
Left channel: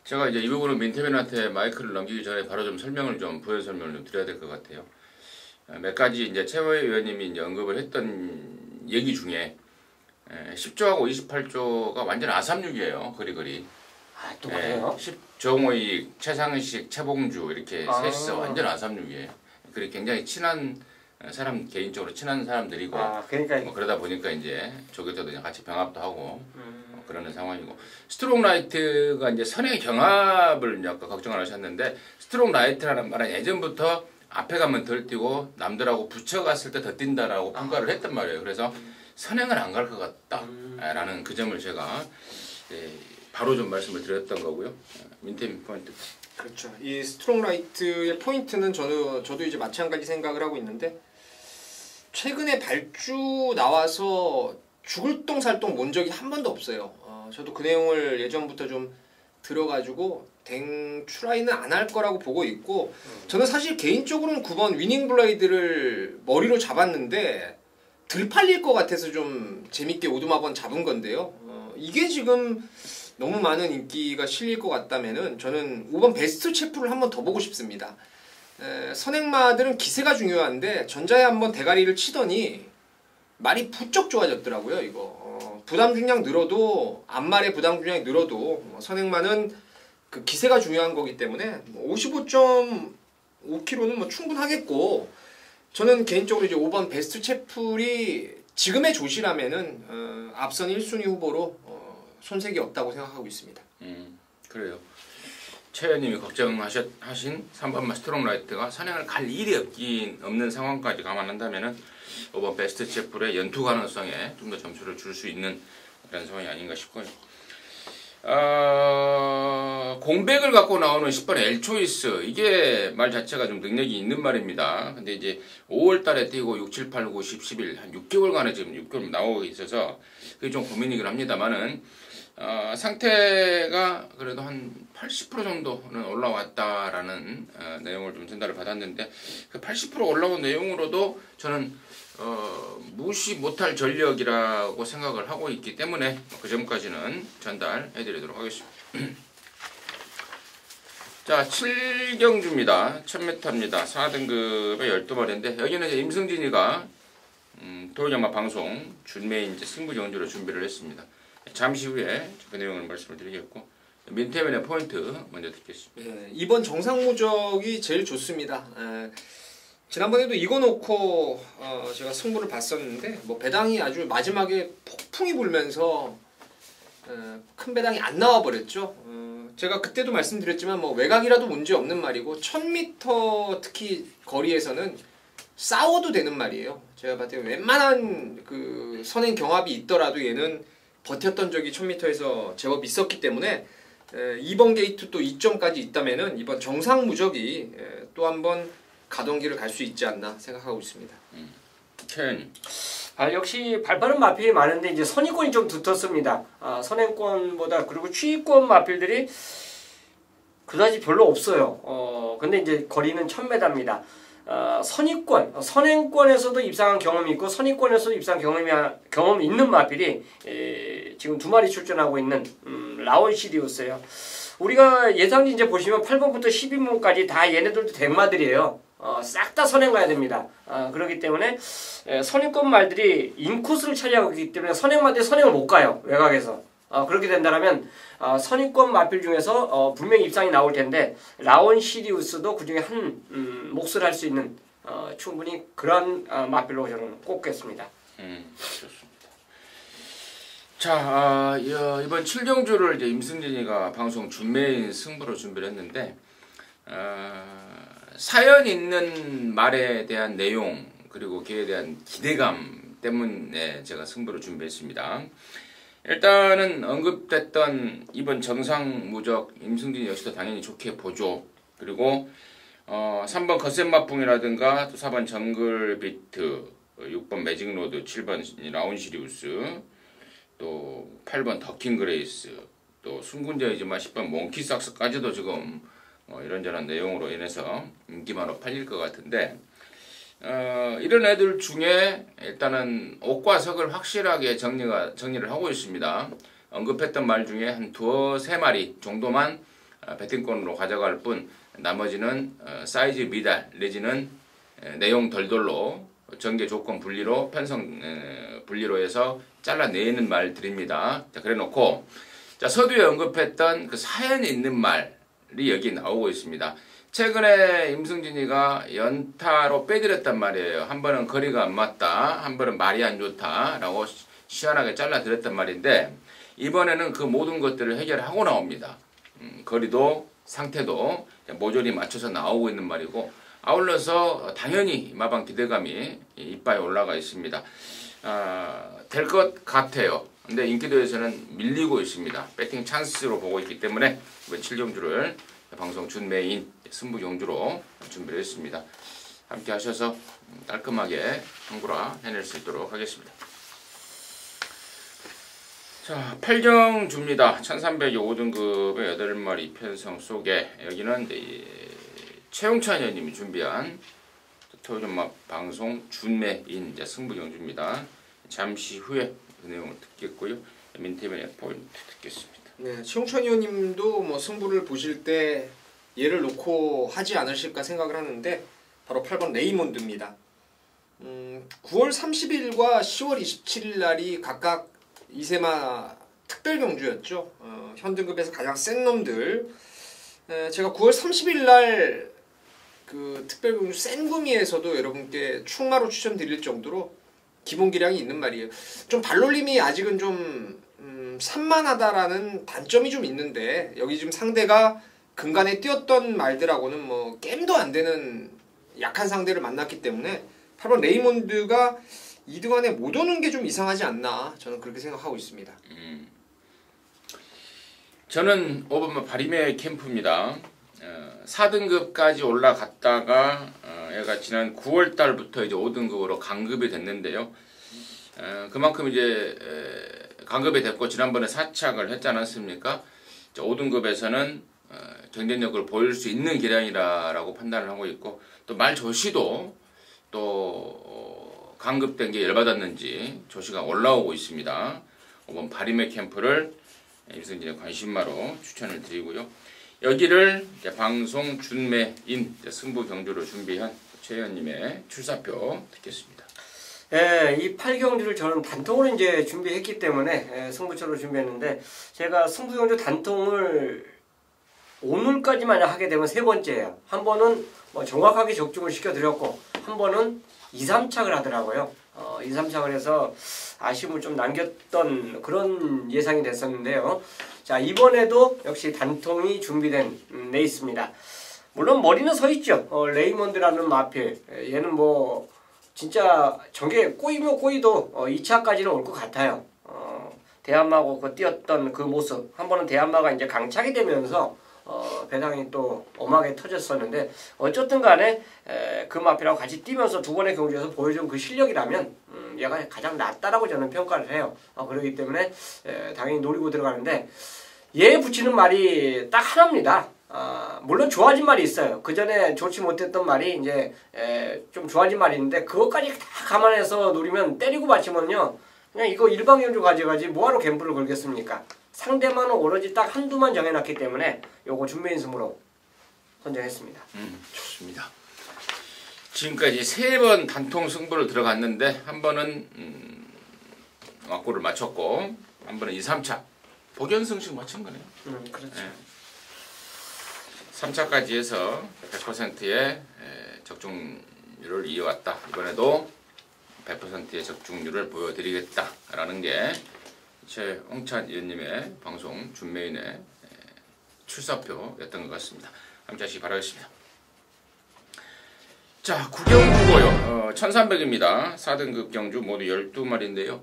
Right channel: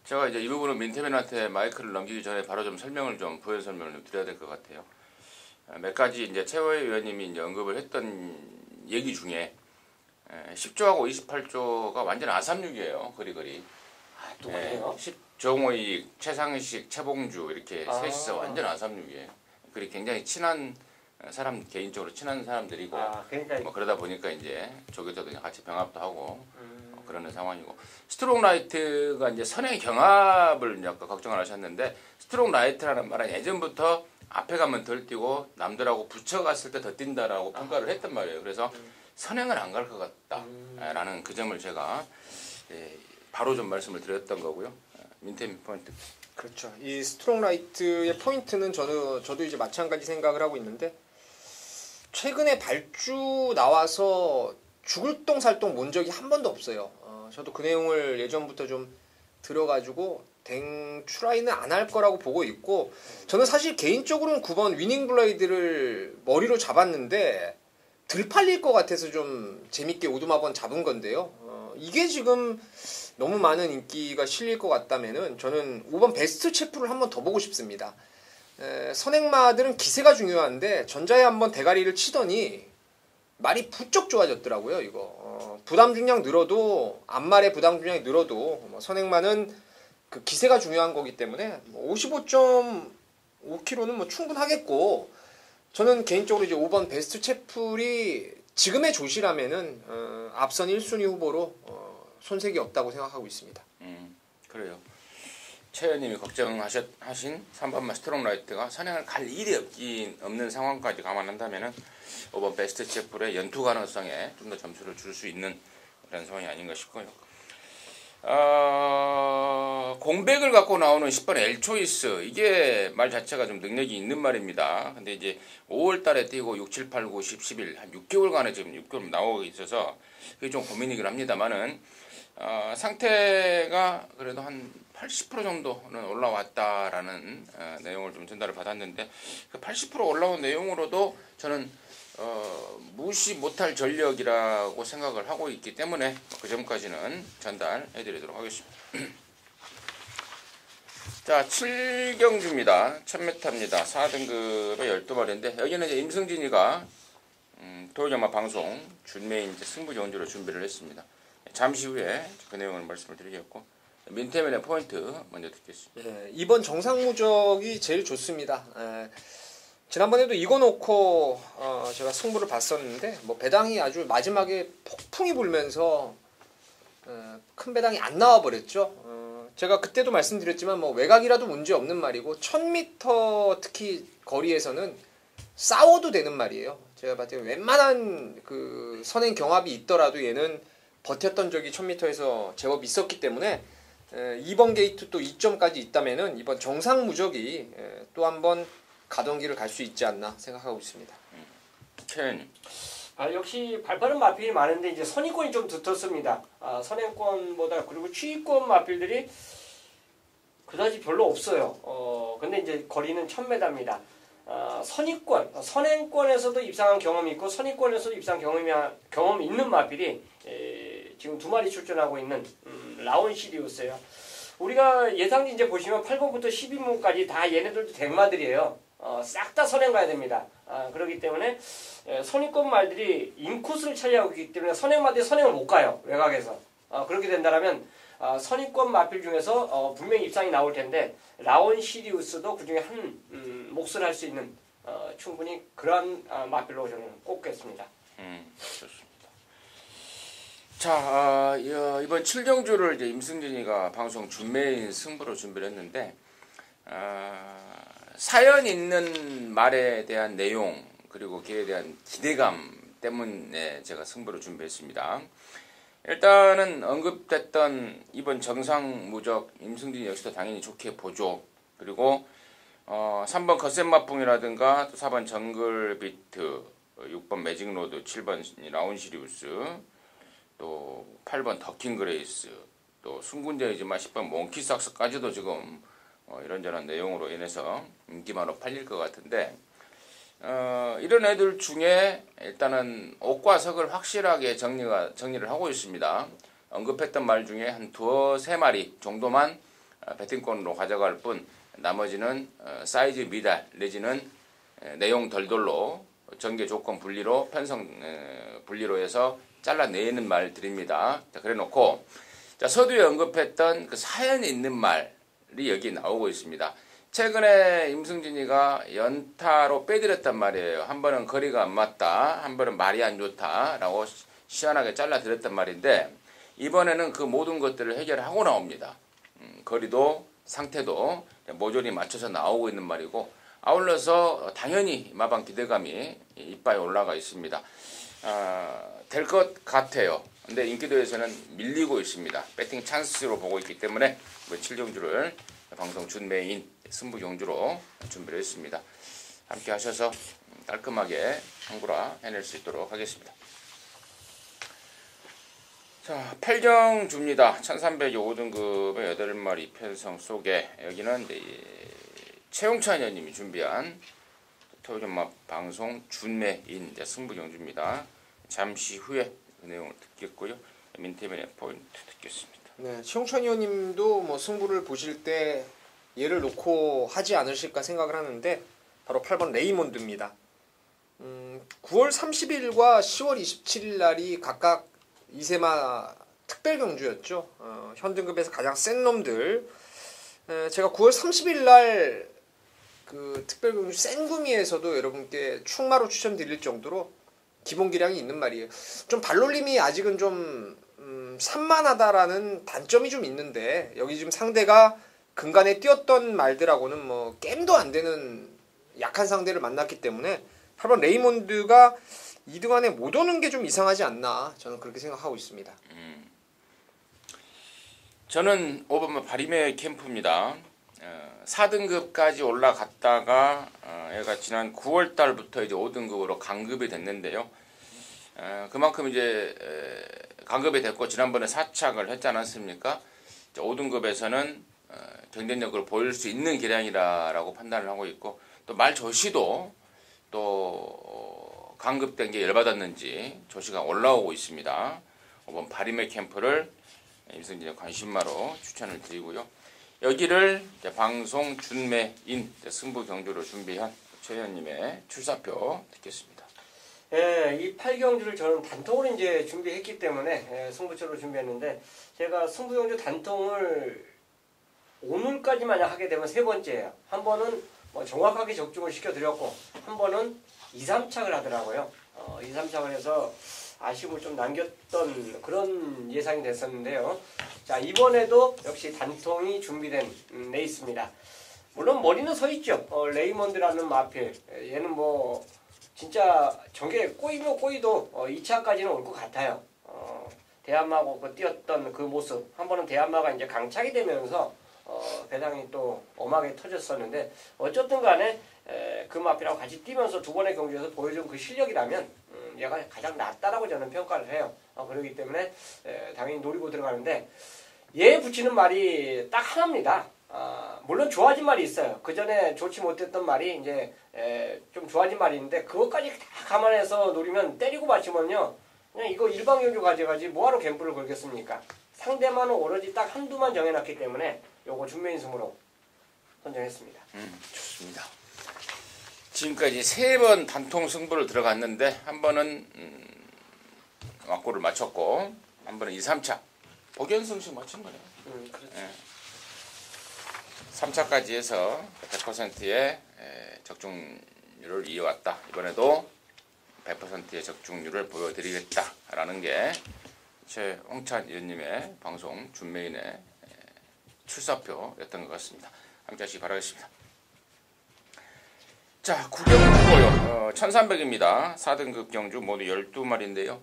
제가 이제 이 부분은 민태민한테 마이크를 넘기기 전에 바로 좀 부연 설명을 좀 드려야 될 것 같아요. 몇 가지 이제 최호의 의원님이 이제 언급을 했던 얘기 중에 10조하고 28조가 완전 아삼육이에요. 그리. 또 그래요? 정호익, 최상식, 최봉주 이렇게 셋이서 완전 아삼육이에요. 그리고 굉장히 친한 사람 개인적으로 친한 사람들이고 그러니까 뭐 그러다 보니까 이제 저기서도 같이 병합도 하고 그러는 상황이고 스트롱 라이트가 이제 선의 경합을 이제 아까 걱정을 하셨는데 스트롱 라이트라는 말은 예전부터 앞에 가면 덜 뛰고 남들하고 붙여갔을 때 더 뛴다라고 평가를 했단 말이에요. 그래서 선행은 안 갈 것 같다라는 그 점을 제가 바로 좀 말씀을 드렸던 거고요. 민태민 포인트. 그렇죠. 이 스트롱 라이트의 포인트는 저도 이제 마찬가지 생각을 하고 있는데 최근에 발주 나와서 죽을 똥 살 똥 본 적이 한 번도 없어요. 저도 그 내용을 예전부터 좀 들어가지고 댕추라이는 안 할 거라고 보고 있고 저는 사실 개인적으로는 9번 위닝 블라이드를 머리로 잡았는데 들 팔릴 것 같아서 좀 재밌게 오두마번 잡은 건데요. 이게 지금 너무 많은 인기가 실릴 것 같다면은 저는 5번 베스트 체프를 한번 더 보고 싶습니다. 선행마들은 기세가 중요한데 전자에 한번 대가리를 치더니 말이 부쩍 좋아졌더라고요. 이거 부담 중량 늘어도 앞말의 부담 중량이 늘어도 선행마는 그 기세가 중요한 거기 때문에 55.5kg는 뭐 충분하겠고 저는 개인적으로 이제 5번 베스트 체플이 지금의 조시라면은 앞선 1순위 후보로 손색이 없다고 생각하고 있습니다. 그래요. 최 의원님이 걱정하신 3번 스트롱 라이트가 선행을 갈 일이 없는 상황까지 감안한다면은 5번 베스트 체플의 연투 가능성에 좀 더 점수를 줄 수 있는 그런 상황이 아닌가 싶고요. 공백을 갖고 나오는 10번 엘초이스 이게 말 자체가 좀 능력이 있는 말입니다. 근데 이제 5월 달에 뛰고 6, 7, 8, 9, 10, 11 한 6개월간에 지금 6개월 나오고 있어서 그게 좀 고민이긴 합니다만은 상태가 그래도 한 80% 정도는 올라왔다라는 내용을 좀 전달을 받았는데 그 80% 올라온 내용으로도 저는 무시 못할 전력이라고 생각을 하고 있기 때문에 그 점까지는 전달해드리도록 하겠습니다. 자, 7경주입니다. 1000m입니다. 4등급의 12마리인데 여기는 이제 임승진이가 토요일야마 방송 준메인 이제 승부 경주로 준비를 했습니다. 잠시 후에 그 내용을 말씀을 드리겠고 민태면의 포인트 먼저 듣겠습니다. 네, 이번 정상무적이 제일 좋습니다. 지난번에도 이거 놓고 제가 승부를 봤었는데 뭐 배당이 아주 마지막에 폭풍이 불면서 큰 배당이 안 나와 버렸죠. 제가 그때도 말씀드렸지만 뭐 외곽이라도 문제 없는 말이고 1000m 특히 거리에서는 싸워도 되는 말이에요. 제가 봤을 때 웬만한 그 선행 경합이 있더라도 얘는 버텼던 적이 1000m에서 제법 있었기 때문에 이번 게이트 또 2점까지 있다면은 이번 정상무적이 또 한번 가동기를 갈 수 있지 않나 생각하고 있습니다. 역시 발빠른 마필이 많은데 이제 선의권이 좀 두텁습니다. 선행권보다 그리고 추위권 마필들이 그다지 별로 없어요. 근데 이제 거리는 1000m입니다. 선의권, 선행권에서도 입상한 경험이 있고 선의권에서도 입상 경험이 있는 마필이 지금 2마리 출전하고 있는 라온 시리우스예요. 우리가 예상지 이제 보시면 8번부터 12번까지 다 얘네들도 백마들이에요. 싹 다 선행 가야 됩니다. 그렇기 때문에 선행권 말들이 인코스를 차지하고 있기 때문에 선행마들이 선행을 못 가요. 외곽에서. 그렇게 된다면 선행권 마필 중에서 분명히 입상이 나올 텐데 라온 시리우스도 그 중에 한 몫을 할 수 있는 충분히 그런 마필로 저는 꼽겠습니다. 좋습니다. 자, 이번 7경주를 이제 임승진이가 방송 준메인 승부로 준비를 했는데 사연 있는 말에 대한 내용 그리고 그에 대한 기대감 때문에 제가 승부를 준비했습니다. 일단은 언급됐던 이번 정상무적 임승진 역시도 당연히 좋게 보죠. 그리고 3번 거센마풍이라든가 또 4번 정글비트, 6번 매직로드, 7번 라운시리우스, 또 8번 더킹그레이스, 또 순군자이지만 10번 몽키삭스까지도 지금 이런저런 내용으로 인해서 인기만으로 팔릴 것 같은데 이런 애들 중에 일단은 옥과 석을 확실하게 정리를 하고 있습니다. 언급했던 말 중에 한 2-3마리 정도만 배팅권으로 가져갈 뿐 나머지는 사이즈 미달 내지는 내용 덜덜로 전개 조건 분리로 편성 분리로 해서 잘라내는 말들입니다. 자, 그래 놓고 자, 서두에 언급했던 그 사연이 있는 말이 여기 나오고 있습니다. 최근에 임승진이가 연타로 빼드렸단 말이에요. 한 번은 거리가 안 맞다, 한 번은 말이 안 좋다라고 시원하게 잘라드렸단 말인데 이번에는 그 모든 것들을 해결하고 나옵니다. 거리도 상태도 모조리 맞춰서 나오고 있는 말이고 아울러서 당연히 마방 기대감이 이빠에 올라가 있습니다. 될 것 같아요. 근데 인기도에서는 밀리고 있습니다. 배팅 찬스로 보고 있기 때문에 이번 7경주를 방송 준메인 승부 경주로 준비를 했습니다. 함께 하셔서 깔끔하게 청구라 해낼 수 있도록 하겠습니다. 자, 8경주입니다. 1300의 5등급의 8마리 편성 속에 여기는 최용찬 의원님이 준비한 토요일마 방송 준메인 승부 경주입니다. 잠시 후에 그 내용을 듣겠고요. 민태면의 포인트 듣겠습니다. 네, 최용찬 의원님도 뭐 승부를 보실 때 얘를 놓고 하지 않으실까 생각을 하는데 바로 8번 레이몬드입니다. 9월 30일과 10월 27일 날이 각각 이세마 특별 경주였죠. 현등급에서 가장 센 놈들. 제가 9월 30일 날 그 특별 경주 센 구미에서도 여러분께 충마로 추천드릴 정도로 기본 기량이 있는 말이에요. 좀 발놀림이 아직은 좀 산만하다라는 단점이 좀 있는데 여기 지금 상대가 근간에 뛰었던 말들하고는 뭐 게임도 안 되는 약한 상대를 만났기 때문에 8번 레이몬드가 2등 안에 못 오는 게 좀 이상하지 않나 저는 그렇게 생각하고 있습니다. 저는 5번 바리메 캠프입니다. 4등급까지 올라갔다가 얘가 지난 9월 달부터 이제 5등급으로 강급이 됐는데요. 그만큼 이제 강급이 됐고 지난번에 사착을 했지 않았습니까? 5등급에서는 경쟁력을 보일 수 있는 기량이라고 판단을 하고 있고 또 말조시도 또 강급된 게 열받았는지 조시가 올라오고 있습니다. 5번 바리메 캠프를 임승진의 관심마로 추천을 드리고요. 여기를 방송 준매인 승부 경주로 준비한 최 의원님의 출사표 듣겠습니다. 예, 이 8경주를 저는 단통을 이제 준비했기 때문에 승부처로 준비했는데 제가 승부경주 단통을 오늘까지 만약 하게 되면 세 번째예요. 한 번은 뭐 정확하게 적중을 시켜드렸고 한 번은 2, 3착을 하더라고요. 2, 3착을 해서 아쉬움을 좀 남겼던 그런 예상이 됐었는데요. 자, 이번에도 역시 단통이 준비된 레이스입니다. 물론 머리는 서 있죠. 레이먼드라는 마필. 얘는 뭐 진짜 저게 꼬이면 꼬이도 2차까지는 올 것 같아요. 대한마하고 그 뛰었던 그 모습. 한 번은 대한마가 이제 강착이 되면서 배당이 또 엄하게 터졌었는데 어쨌든 간에 그 마필하고 같이 뛰면서 두 번의 경주에서 보여준 그 실력이라면 얘가 가장 낫다라고 저는 평가를 해요. 그렇기 때문에 당연히 노리고 들어가는데 얘 붙이는 말이 딱 하나입니다. 물론 좋아진 말이 있어요. 그 전에 좋지 못했던 말이 이제 좀 좋아진 말이 있는데 그것까지 다 감안해서 노리면 때리고 맞히면요 그냥 이거 일방적으로 가져가지 뭐하러 갬블을 걸겠습니까? 상대만은 오로지 딱 한두만 정해놨기 때문에 요거 준매인 승으로 선정했습니다. 좋습니다. 지금까지 3번 단통 승부를 들어갔는데 한 번은 막고를 맞췄고 한 번은 2, 3차 복연승식 맞춘 거네요. 그렇죠. 네. 3차까지 해서 100%의 적중률을 이어왔다. 이번에도 100%의 적중률을 보여드리겠다라는 게 최홍찬 의원님의 방송 준매인의 출사표였던 것 같습니다. 함께 하시기 바라겠습니다. 자, 구경주고요. 1300입니다. 4등급 경주 모두 12마리인데요.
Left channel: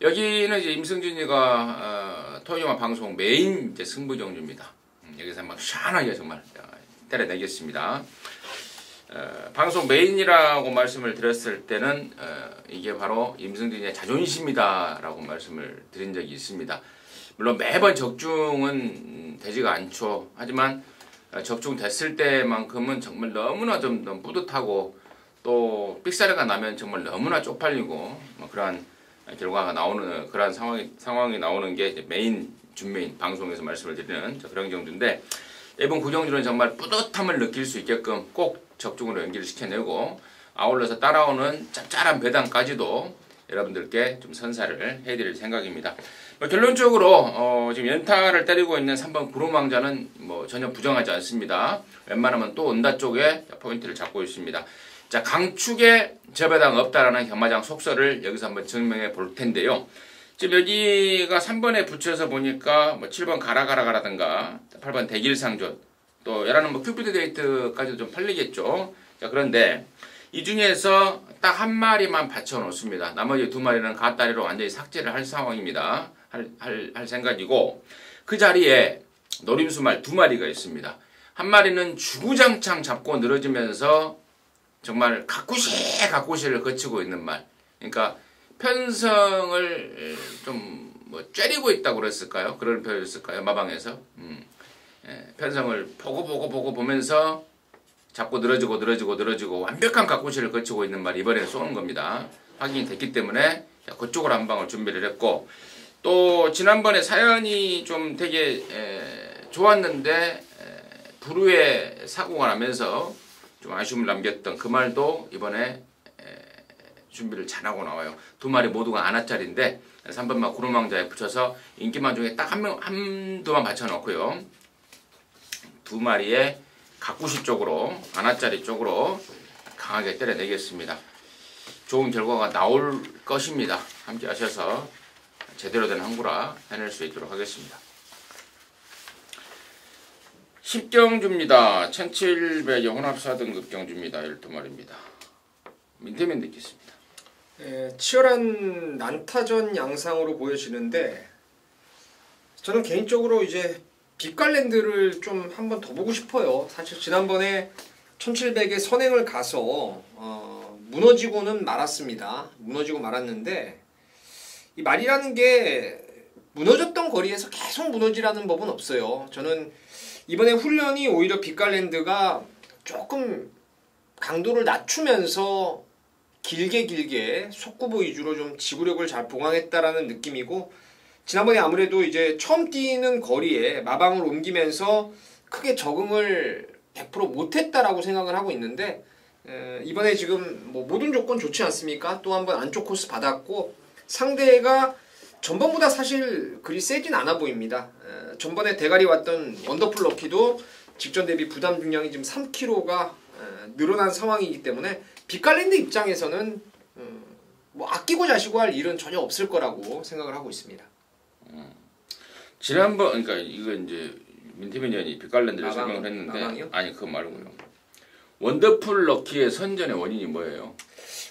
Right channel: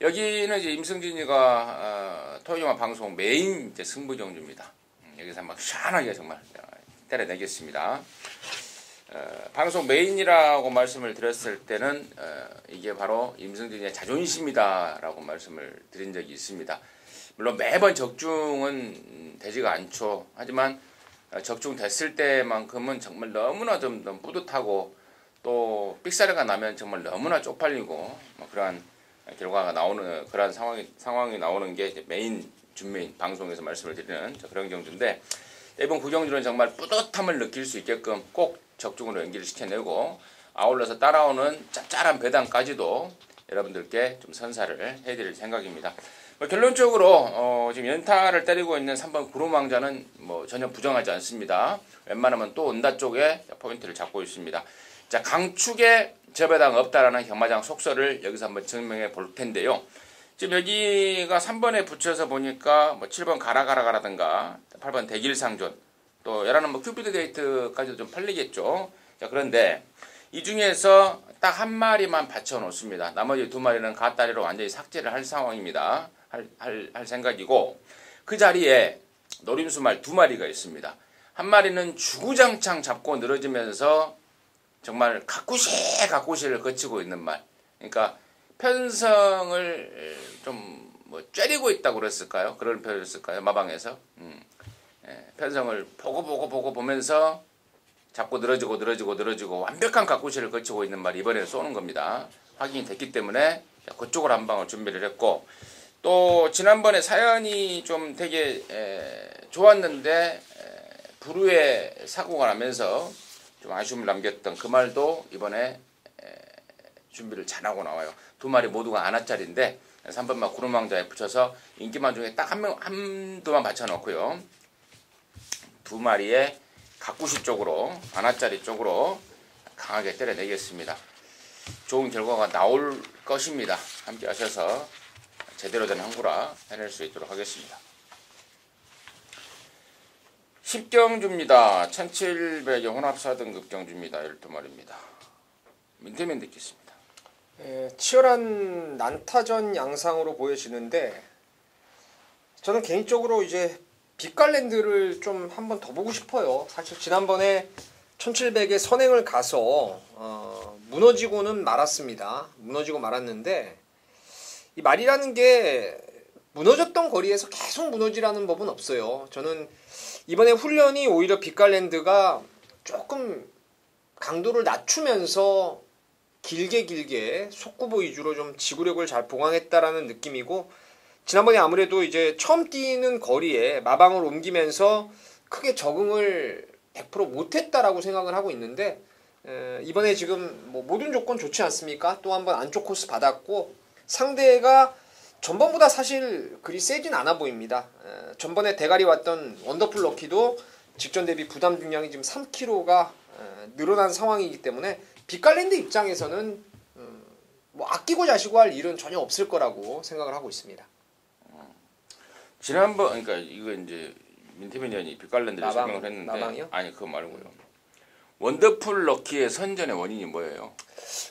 여기는 이제 임승진이가 토요일마 방송 메인 이제 승부 경주입니다. 여기서 막 시원하게 정말 때려내겠습니다. 방송 메인이라고 말씀을 드렸을 때는 이게 바로 임승진의 자존심이다라고 말씀을 드린 적이 있습니다. 물론 매번 적중은 되지가 않죠. 하지만 적중됐을 때만큼은 정말 너무나 좀 너무 뿌듯하고 또 삑사리가 나면 정말 너무나 쪽팔리고 뭐 그러한 결과가 나오는 그런 상황이 나오는 게 이제 메인 준메인 방송에서 말씀을 드리는 그런 경주인데 이번 구경주는 정말 뿌듯함을 느낄 수 있게끔 꼭 적중으로 연기를 시켜내고 아울러서 따라오는 짭짤한 배당까지도 여러분들께 좀 선사를 해드릴 생각입니다. 결론적으로 지금 연타를 때리고 있는 3번 구름왕자는 뭐 전혀 부정하지 않습니다. 웬만하면 또 온다 쪽에 포인트를 잡고 있습니다. 자, 강축에 저배당 없다라는 경마장 속설을 여기서 한번 증명해 볼 텐데요. 지금 여기가 3번에 붙여서 보니까 뭐 7번 가라가라가라든가 8번 대길상존 또 얘라는 뭐 큐피드 데이트까지도 좀 팔리겠죠. 자, 그런데 이 중에서 딱 한 마리만 받쳐 놓습니다. 나머지 두 마리는 갓다리로 완전히 삭제를 할 상황입니다. 할 생각이고 그 자리에 노림수말 두 마리가 있습니다. 한 마리는 주구장창 잡고 늘어지면서 정말 가꾸시를 거치고 있는 말. 그러니까 편성을 좀 뭐 쬐리고 있다고 그랬을까요? 그런 표현이었을까요? 마방에서 편성을 보고 보면서 자꾸 늘어지고 완벽한 가꾸시를 거치고 있는 말이 이번에 쏘는 겁니다. 확인이 됐기 때문에 그쪽으로 한 방을 준비를 했고 또 지난번에 사연이 좀 되게 좋았는데 불후에 사고가 나면서 좀 아쉬움을 남겼던 그 말도 이번에 준비를 잘하고 나와요. 두 마리 모두가 아나짜리인데 3번만 구름왕자에 붙여서 인기만 중에 딱 한두만 맞춰놓고요. 두 마리의 가꾸시 쪽으로 아나짜리 쪽으로 강하게 때려내겠습니다. 좋은 결과가 나올 것입니다. 함께 하셔서 제대로 된 항구라 해낼 수 있도록 하겠습니다. 10경주입니다. 1700의 혼합 4등급 경주입니다. 12마리입니다. 민태민 듣겠습니다. 치열한 난타전 양상으로 보여지는데 저는 개인적으로 이제 빛깔랜드를 좀 한번 더 보고 싶어요. 사실 지난번에 1700에 선행을 가서 무너지고는 말았습니다. 무너지고 말았는데 이 말이라는 게 무너졌던 거리에서 계속 무너지라는 법은 없어요. 저는 이번에 훈련이 오히려 빛깔랜드가 조금 강도를 낮추면서 길게 속구부 위주로 좀 지구력을 잘 보강했다라는 느낌이고 지난번에 아무래도 이제 처음 뛰는 거리에 마방을 옮기면서 크게 적응을 100% 못했다라고 생각을 하고 있는데 이번에 지금 뭐 모든 조건 좋지 않습니까? 또 한 번 안쪽 코스 받았고 상대가 전번보다 사실 그리 세진 않아 보입니다. 전번에 대가리 왔던 원더풀 럭키도 직전 대비 부담 중량이 지금 3kg가 늘어난 상황이기 때문에 빅갈랜드 입장에서는 뭐 아끼고 자시고 할 일은 전혀 없을 거라고 생각을 하고 있습니다. 지난번 그러니까 이거 이제 민태민 의원이 빅갈랜드를 마방, 설명을 했는데 마방이요? 아니 그거 말고요. 원더풀 럭키의 선전의 원인이 뭐예요?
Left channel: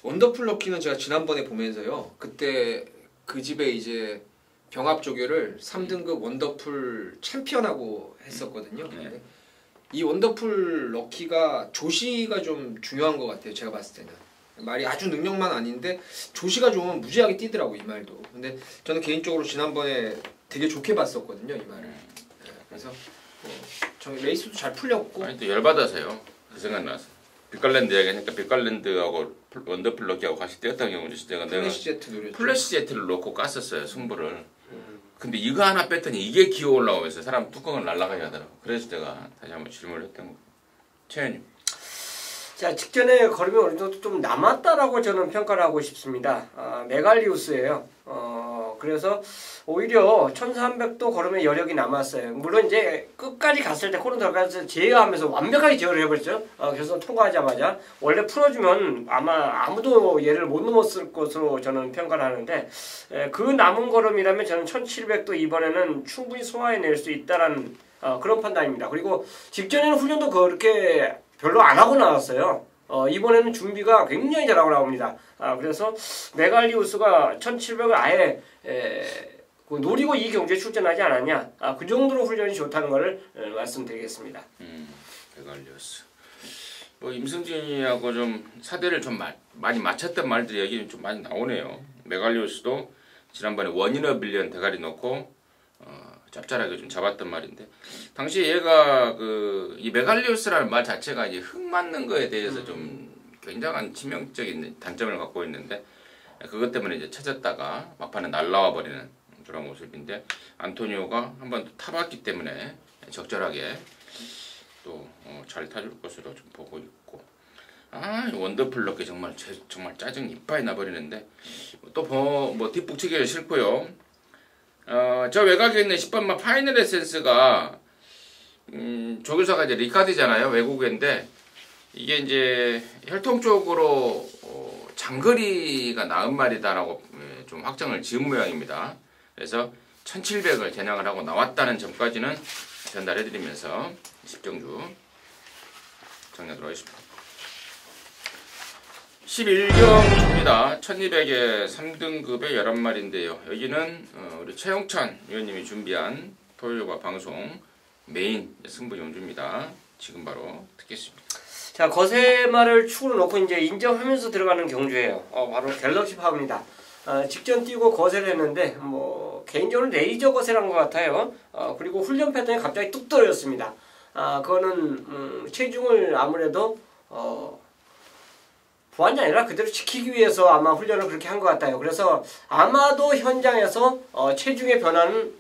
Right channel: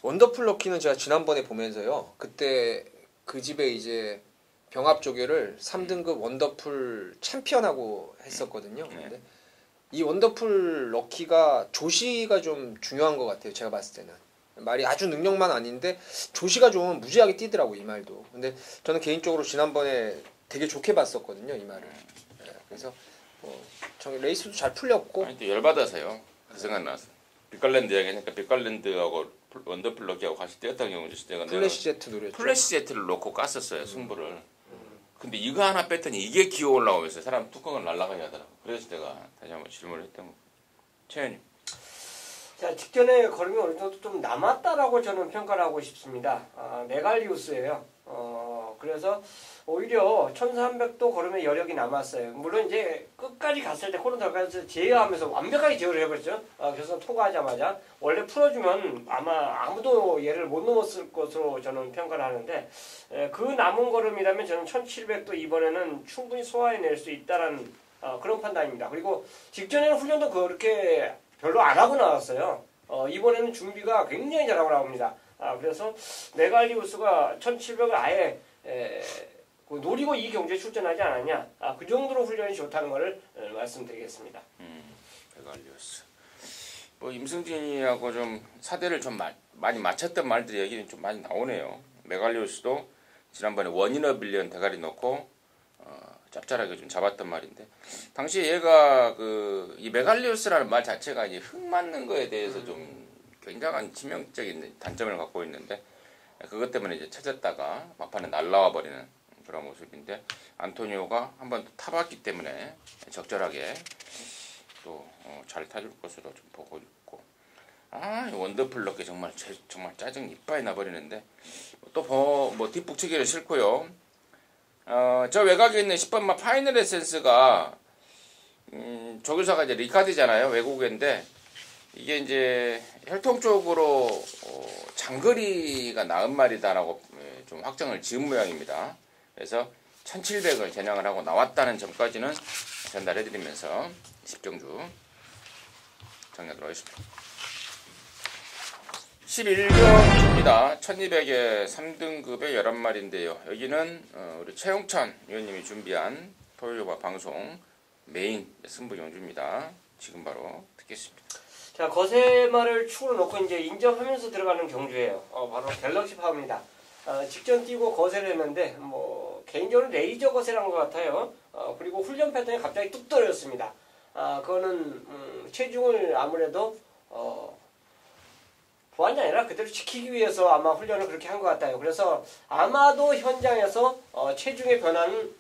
원더풀 럭키는 제가 지난번에 보면서요. 그때 그 집에 이제 병합 조결을 3등급 원더풀 챔피언하고 했었거든요. 네. 근데 이 원더풀 럭키가 조시가 좀 중요한 것 같아요. 제가 봤을 때는. 말이 아주 능력만 아닌데 조시가 좋으면 무지하게 뛰더라고 이 말도. 근데 저는 개인적으로 지난번에 되게 좋게 봤었거든요. 이 말을. 그래서 저 레이스도 잘 풀렸고 아니 또 열받아서요. 그 생각나서 빅갈랜드 얘기하니까 빅갈랜드하고 원더풀 럭키하고 같이 뛰었던 경우도 있어요. 내가 플래시 제트 노렸죠. 플래시 제트를 놓고 깠었어요 승부를. 근데 이거 하나 뺐더니 이게 기어 올라오면서 사람 뚜껑을 날라가게 하더라고. 그래서 제가 다시 한번 질문을 했던 거예요. 최현님. 자, 직전에 걸음이 어느 정도 좀 남았다라고 저는 평가를 하고 싶습니다. 메갈리우스예요. 그래서 오히려 1300도 걸음의 여력이 남았어요. 물론 이제 끝까지 갔을 때 코너 들어가서 제어하면서 완벽하게 제어를 해버렸죠. 결선 통과하자마자 원래 풀어주면 아마 아무도 얘를 못 넘었을 것으로 저는 평가를 하는데 그 남은 걸음이라면 저는 1700도 이번에는 충분히 소화해낼 수 있다라는 그런 판단입니다. 그리고 직전에는 훈련도 그렇게 별로 안 하고 나왔어요. 이번에는 준비가 굉장히 잘하고 나옵니다. 그래서 메갈리우스가 1700을 아예 노리고 이 경기에 출전하지 않았냐. 그 정도로 훈련이 좋다는 것을 말씀드리겠습니다. 메갈리우스. 뭐 임승진이하고 좀 사대를 좀 많이 맞췄던 말들이 얘기는 좀 많이 나오네요. 메갈리우스도 지난번에 원인어 빌리언 대가리 넣고 짭짤하게 좀 잡았던 말인데 당시 얘가 이 메갈리우스라는 말 자체가 이제 흙 맞는 거에 대해서 좀 굉장한 치명적인 단점을 갖고 있는데 그것 때문에 이제 쳐졌다가 막판에 날라와 버리는 그런 모습인데 안토니오가 한번 타봤기 때문에 적절하게 또 잘 타줄 것으로 좀 보고 있고 원더풀 럭키 정말 짜증 이빨이 나버리는데 또 뭐 뒷북치기는 싫고요. 저 외곽에 있는 10번마 파이널 에센스가 조교사가 이제 리카드잖아요. 외국인데 이게 이제 혈통 쪽으로 장거리가 나은 말이다라고 좀 확정을 지은 모양입니다. 그래서 1700을 겨냥을 하고 나왔다는 점까지는 전달해드리면서 10경주 정리하도록 하겠습니다. 11경입니다. 1200에 3등급의 11마리인데요. 여기는 우리 최영찬 위원님이 준비한 토요일과 방송 메인 승부 경주입니다. 지금 바로 듣겠습니다. 자, 거세마를 축으로 놓고 이제 인정하면서 들어가는 경주예요. 바로 갤럭시 파워입니다. 직전 뛰고 거세를 했는데 뭐 개인적으로 레이저 거세란 것 같아요. 그리고 훈련 패턴이 갑자기 뚝 떨어졌습니다. 그거는 체중을 아무래도 보완이 아니라 그대로 지키기 위해서 아마 훈련을 그렇게 한 것 같아요. 그래서 아마도 현장에서 체중의 변화는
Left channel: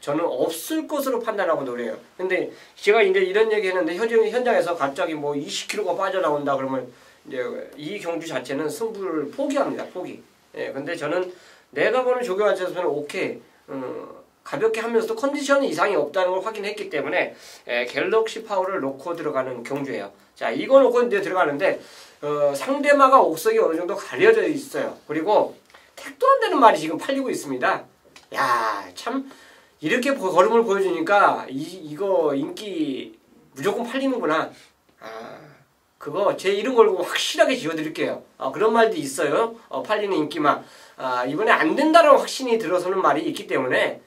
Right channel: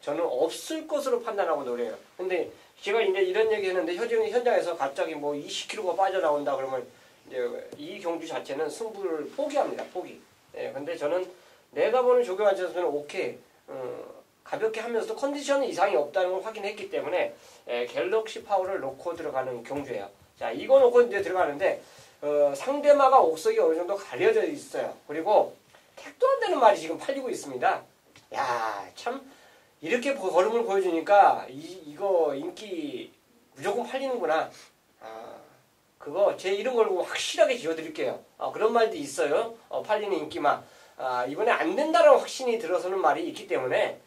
저는 없을 것으로 판단하고 노래요. 근데 제가 이제 이런 얘기 했는데 현장에서 갑자기 뭐 20kg가 빠져나온다 그러면 이제 이 경주 자체는 승부를 포기합니다. 포기. 예, 근데 저는 내가 보는 조교환자에서는 오케이. 가볍게 하면서도 컨디션이 이상이 없다는 걸 확인했기 때문에 갤럭시 파워를 놓고 들어가는 경주예요. 자, 이거 놓고 이제 들어가는데 상대마가 옥석이 어느 정도 가려져 있어요. 그리고 택도 안 되는 말이 지금 팔리고 있습니다. 야, 참 이렇게 걸음을 보여주니까 이거 인기 무조건 팔리는구나. 그거 제 이름 걸고 확실하게 지어드릴게요. 그런 말도 있어요. 팔리는 인기만. 이번에 안 된다는 확신이 들어서는 말이 있기 때문에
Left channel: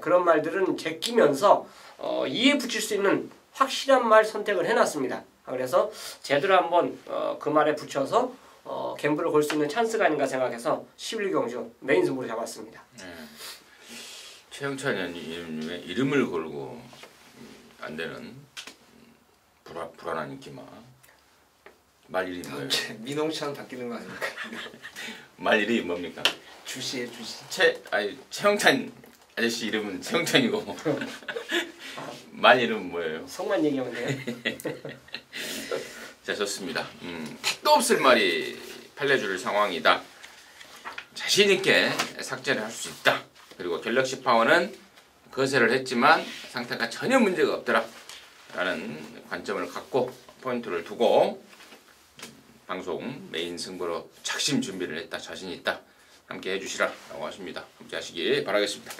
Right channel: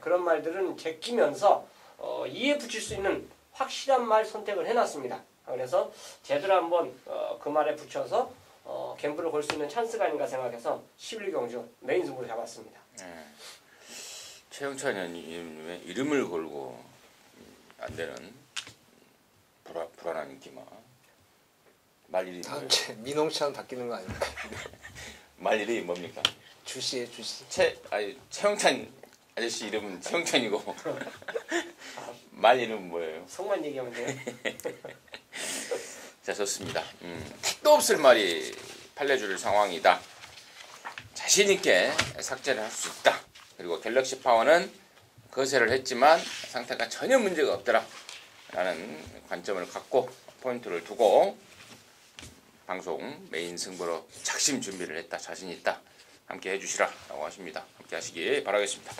그런 말들은 제끼면서 이에 붙일 수 있는 확실한 말 선택을 해놨습니다. 그래서 제대로 한번 그 말에 붙여서 갬블을 걸 수 있는 찬스가 아닌가 생각해서 11경주 메인 승부를 잡았습니다. 최영찬 의원님의 이름을 걸고 안 되는 불안한 인기마. 말 이름이 다음 뭐예요? 주에 민홍찬 바뀌는 거 아닙니까? 말 이름이 뭡니까? 주시에 주시. 최영찬 아저씨 이름은 최영찬이고 말 이름은 뭐예요? 속만 얘기하면 돼요. 자, 좋습니다. 택도 없을 말이 팔려줄 상황이다. 자신 있게 삭제를 할 수 있다. 그리고 갤럭시 파워는 거세를 했지만 상태가 전혀 문제가 없더라. 라는 관점을 갖고 포인트를 두고 방송 메인 승부로 작심 준비를 했다. 자신 있다. 함께 해주시라 라고 하십니다. 함께 하시기 바라겠습니다.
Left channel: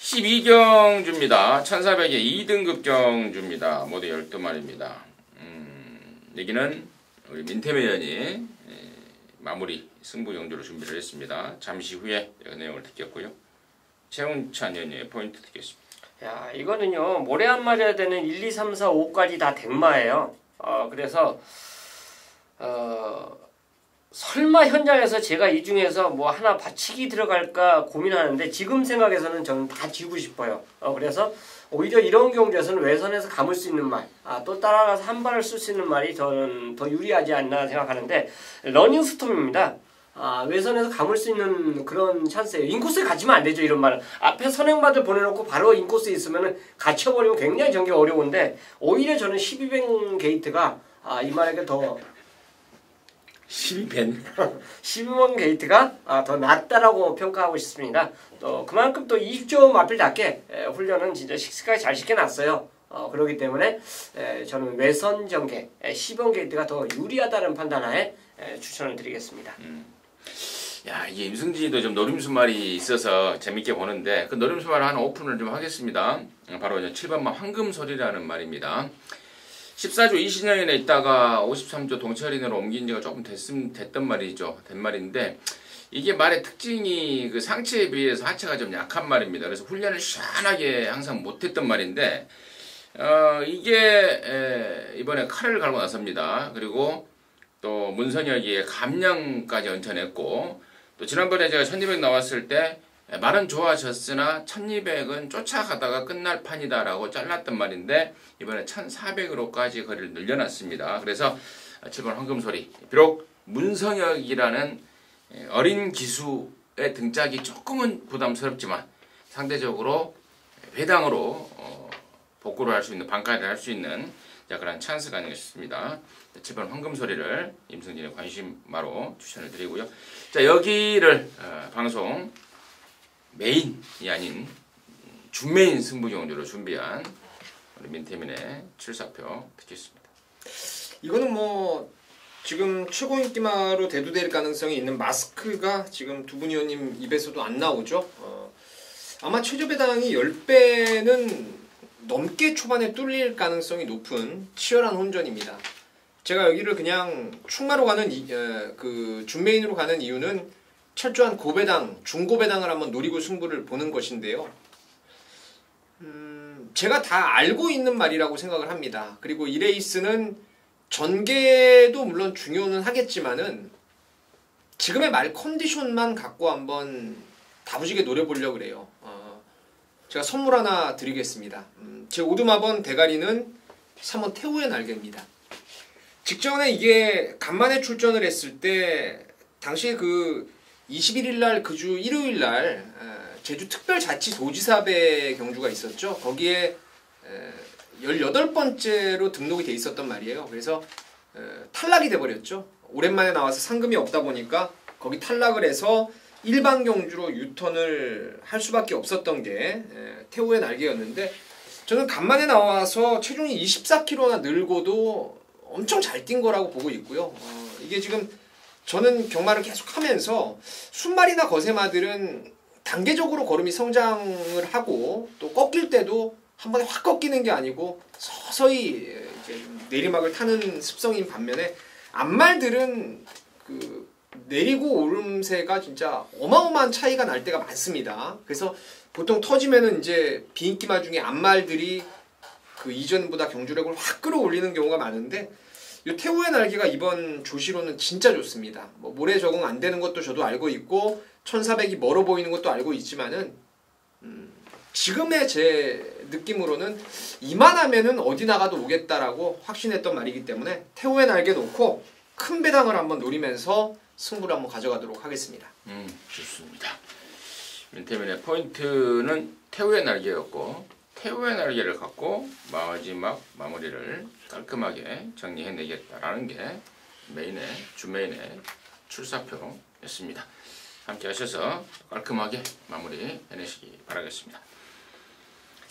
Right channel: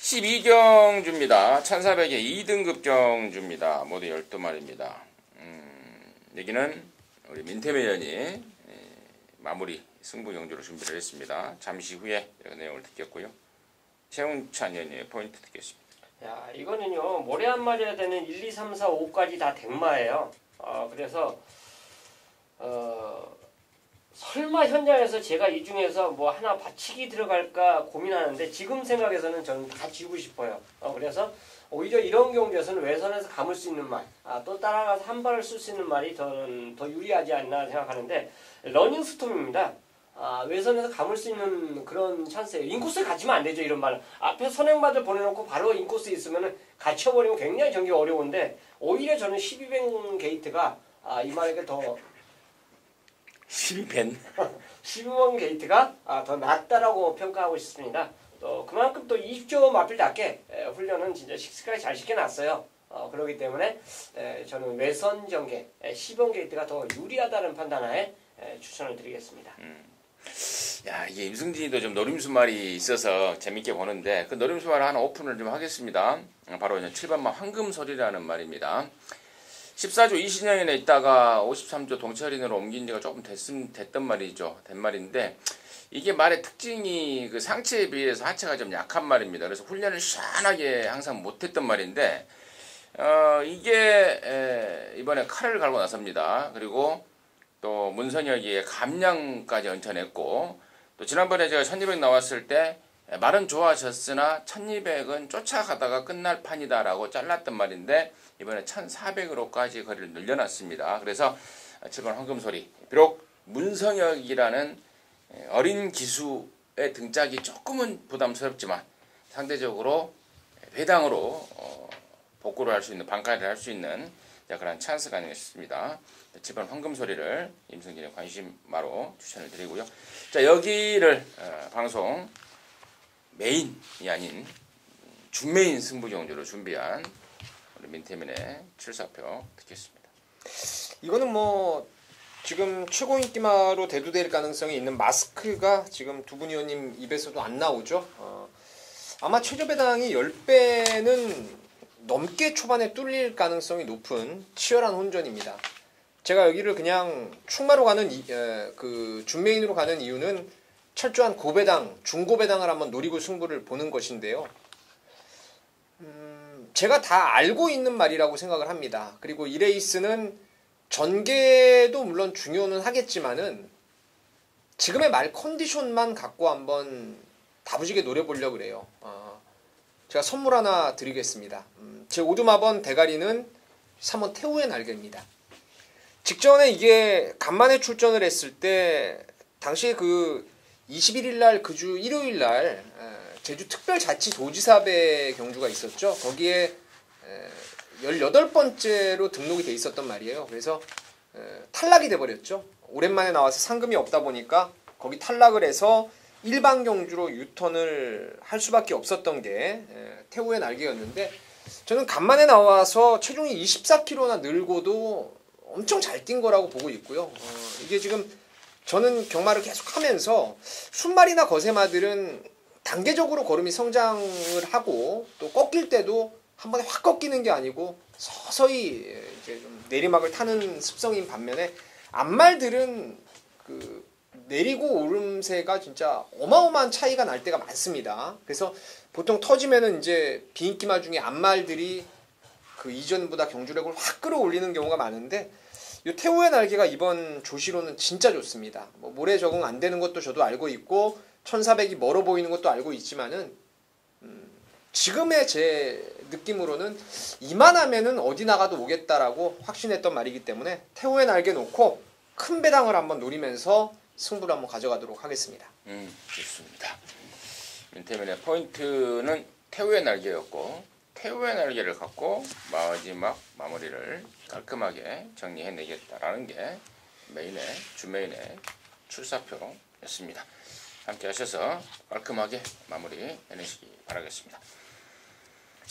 12경주입니다. 1400의 2등급 경주입니다. 모두 12마리입니다. 여기는 우리 민태매 의원이 마무리 승부 경주로 준비를 했습니다. 잠시 후에 그 내용을 듣겠고요. 최훈찬 의원의 포인트 듣겠습니다. 야, 이거는요, 모래 안 맞아야 되는 1, 2, 3, 4, 5까지 다 댕마예요. 그래서, 설마 현장에서 제가 이 중에서 뭐 하나 받치기 들어갈까 고민하는데 지금 생각에서는 저는 다 지우고 싶어요. 그래서 오히려 이런 경우에서는 외선에서 감을 수 있는 말, 또 따라가서 한 발을 쓸 수 있는 말이 저는 더 유리하지 않나 생각하는데 러닝 스톰입니다. 외선에서 감을 수 있는 그런 찬스예요. 인코스에 갇히면 안 되죠, 이런 말은. 앞에 선행받을 보내놓고 바로 인코스에 있으면 갇혀버리면 굉장히 전개 어려운데 오히려 저는 12뱅 게이트가 이 말에게 더 12벤 12번 게이트가 더 낫다라고 평가하고 싶습니다. 또 그만큼 또 20조 마필답게 훈련은 진짜 식스까지 잘 시켜놨어요. 그렇기 때문에 저는 외선 전개 10번 게이트가 더 유리하다는 판단하에 추천을 드리겠습니다. 야, 이게 임승진이도 좀 노림수말이 있어서 재밌게 보는데 그 노림수말 하나 오픈을 좀 하겠습니다. 바로 이제 7번마 황금소리라는 말입니다. 14조 이신영인에 있다가 53조 동철인으로 옮긴 지가 조금 됐던 말이죠. 된 말인데 이게 말의 특징이 그 상체에 비해서 하체가 좀 약한 말입니다. 그래서 훈련을 시원하게 항상 못했던 말인데 이게 이번에 칼을 갈고 나섭니다. 그리고 또 문선혁이의 감량까지 얹혀냈고 또 지난번에 제가 1200 나왔을 때 말은 좋아졌으나 1200은 쫓아가다가 끝날 판이다라고 잘랐던 말인데 이번에 1400으로까지 거리를 늘려놨습니다. 그래서 7번 황금소리 비록 문성혁이라는 어린 기수의 등짝이 조금은 부담스럽지만 상대적으로 회당으로 복구를 할 수 있는 반가를 할 수 있는 그런 찬스가 아닌가 싶습니다. 7번 황금소리를 임승진의 관심마로 추천을 드리고요. 자, 여기를 방송 메인이 아닌 준메인 승부 경주로 준비한 우리 민태민의 7사표 듣겠습니다. 이거는 뭐 지금 최고 인기마로 대두될 가능성이 있는 마스크가 지금 두 분 의원님 입에서도 안 나오죠. 아마 최저배당이 10배는 넘게 초반에 뚫릴 가능성이 높은 치열한 혼전입니다. 제가 여기를 그냥 충마로 가는 그 준메인으로 가는 이유는 철저한 고배당, 중고배당을 한번 노리고 승부를 보는 것인데요. 제가 다 알고 있는 말이라고 생각을 합니다. 그리고 이 레이스는 전개도 물론 중요는 하겠지만은 지금의 말 컨디션만 갖고 한번 다부지게 노려보려고 그래요. 제가 선물 하나 드리겠습니다. 제 오두마번 대가리는 3번 태우의 날개입니다. 직전에 이게 간만에 출전을 했을 때 당시에 그 21일 날 그 주 일요일 날 제주특별자치도지사배 경주가 있었죠. 거기에 18번째로 등록이 돼 있었단 말이에요. 그래서 탈락이 돼버렸죠. 오랜만에 나와서 상금이 없다 보니까 거기 탈락을 해서 일반 경주로 유턴을 할 수밖에 없었던 게 태호의 날개였는데 저는 간만에 나와서 체중이 24kg나 늘고도 엄청 잘 뛴 거라고 보고 있고요. 이게 지금 저는 경마를 계속 하면서 순말이나 거세마들은 단계적으로 걸음이 성장을 하고 또 꺾일 때도 한 번에 확 꺾이는 게 아니고 서서히 이제 내리막을 타는 습성인 반면에 암말들은 그 내리고 오름세가 진짜 어마어마한 차이가 날 때가 많습니다. 그래서 보통 터지면은 이제 비인기마 중에 암말들이 그 이전보다 경주력을 확 끌어올리는 경우가 많은데 이 태호의 날개가 이번 조시로는 진짜 좋습니다. 뭐 모래 적응 안 되는 것도 저도 알고 있고 1400이 멀어 보이는 것도 알고 있지만은 지금의 제 느낌으로는 이만하면은 어디 나가도 오겠다라고 확신했던 말이기 때문에 태호의 날개 놓고 큰 배당을 한번 노리면서 승부를 한번 가져가도록 하겠습니다. 좋습니다. 민태민의 포인트는 태우의 날개였고 태우의 날개를 갖고 마지막 마무리를 깔끔하게 정리해내겠다라는 게 주메인의 출사표였습니다. 함께 하셔서 깔끔하게 마무리 해내시기 바라겠습니다.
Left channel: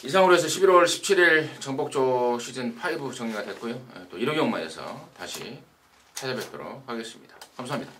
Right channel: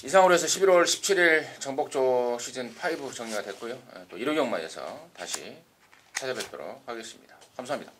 이상으로 해서 11월 17일 정복조 시즌5 정리가 됐고요. 또 1호 경마에서 다시 찾아뵙도록 하겠습니다. 감사합니다.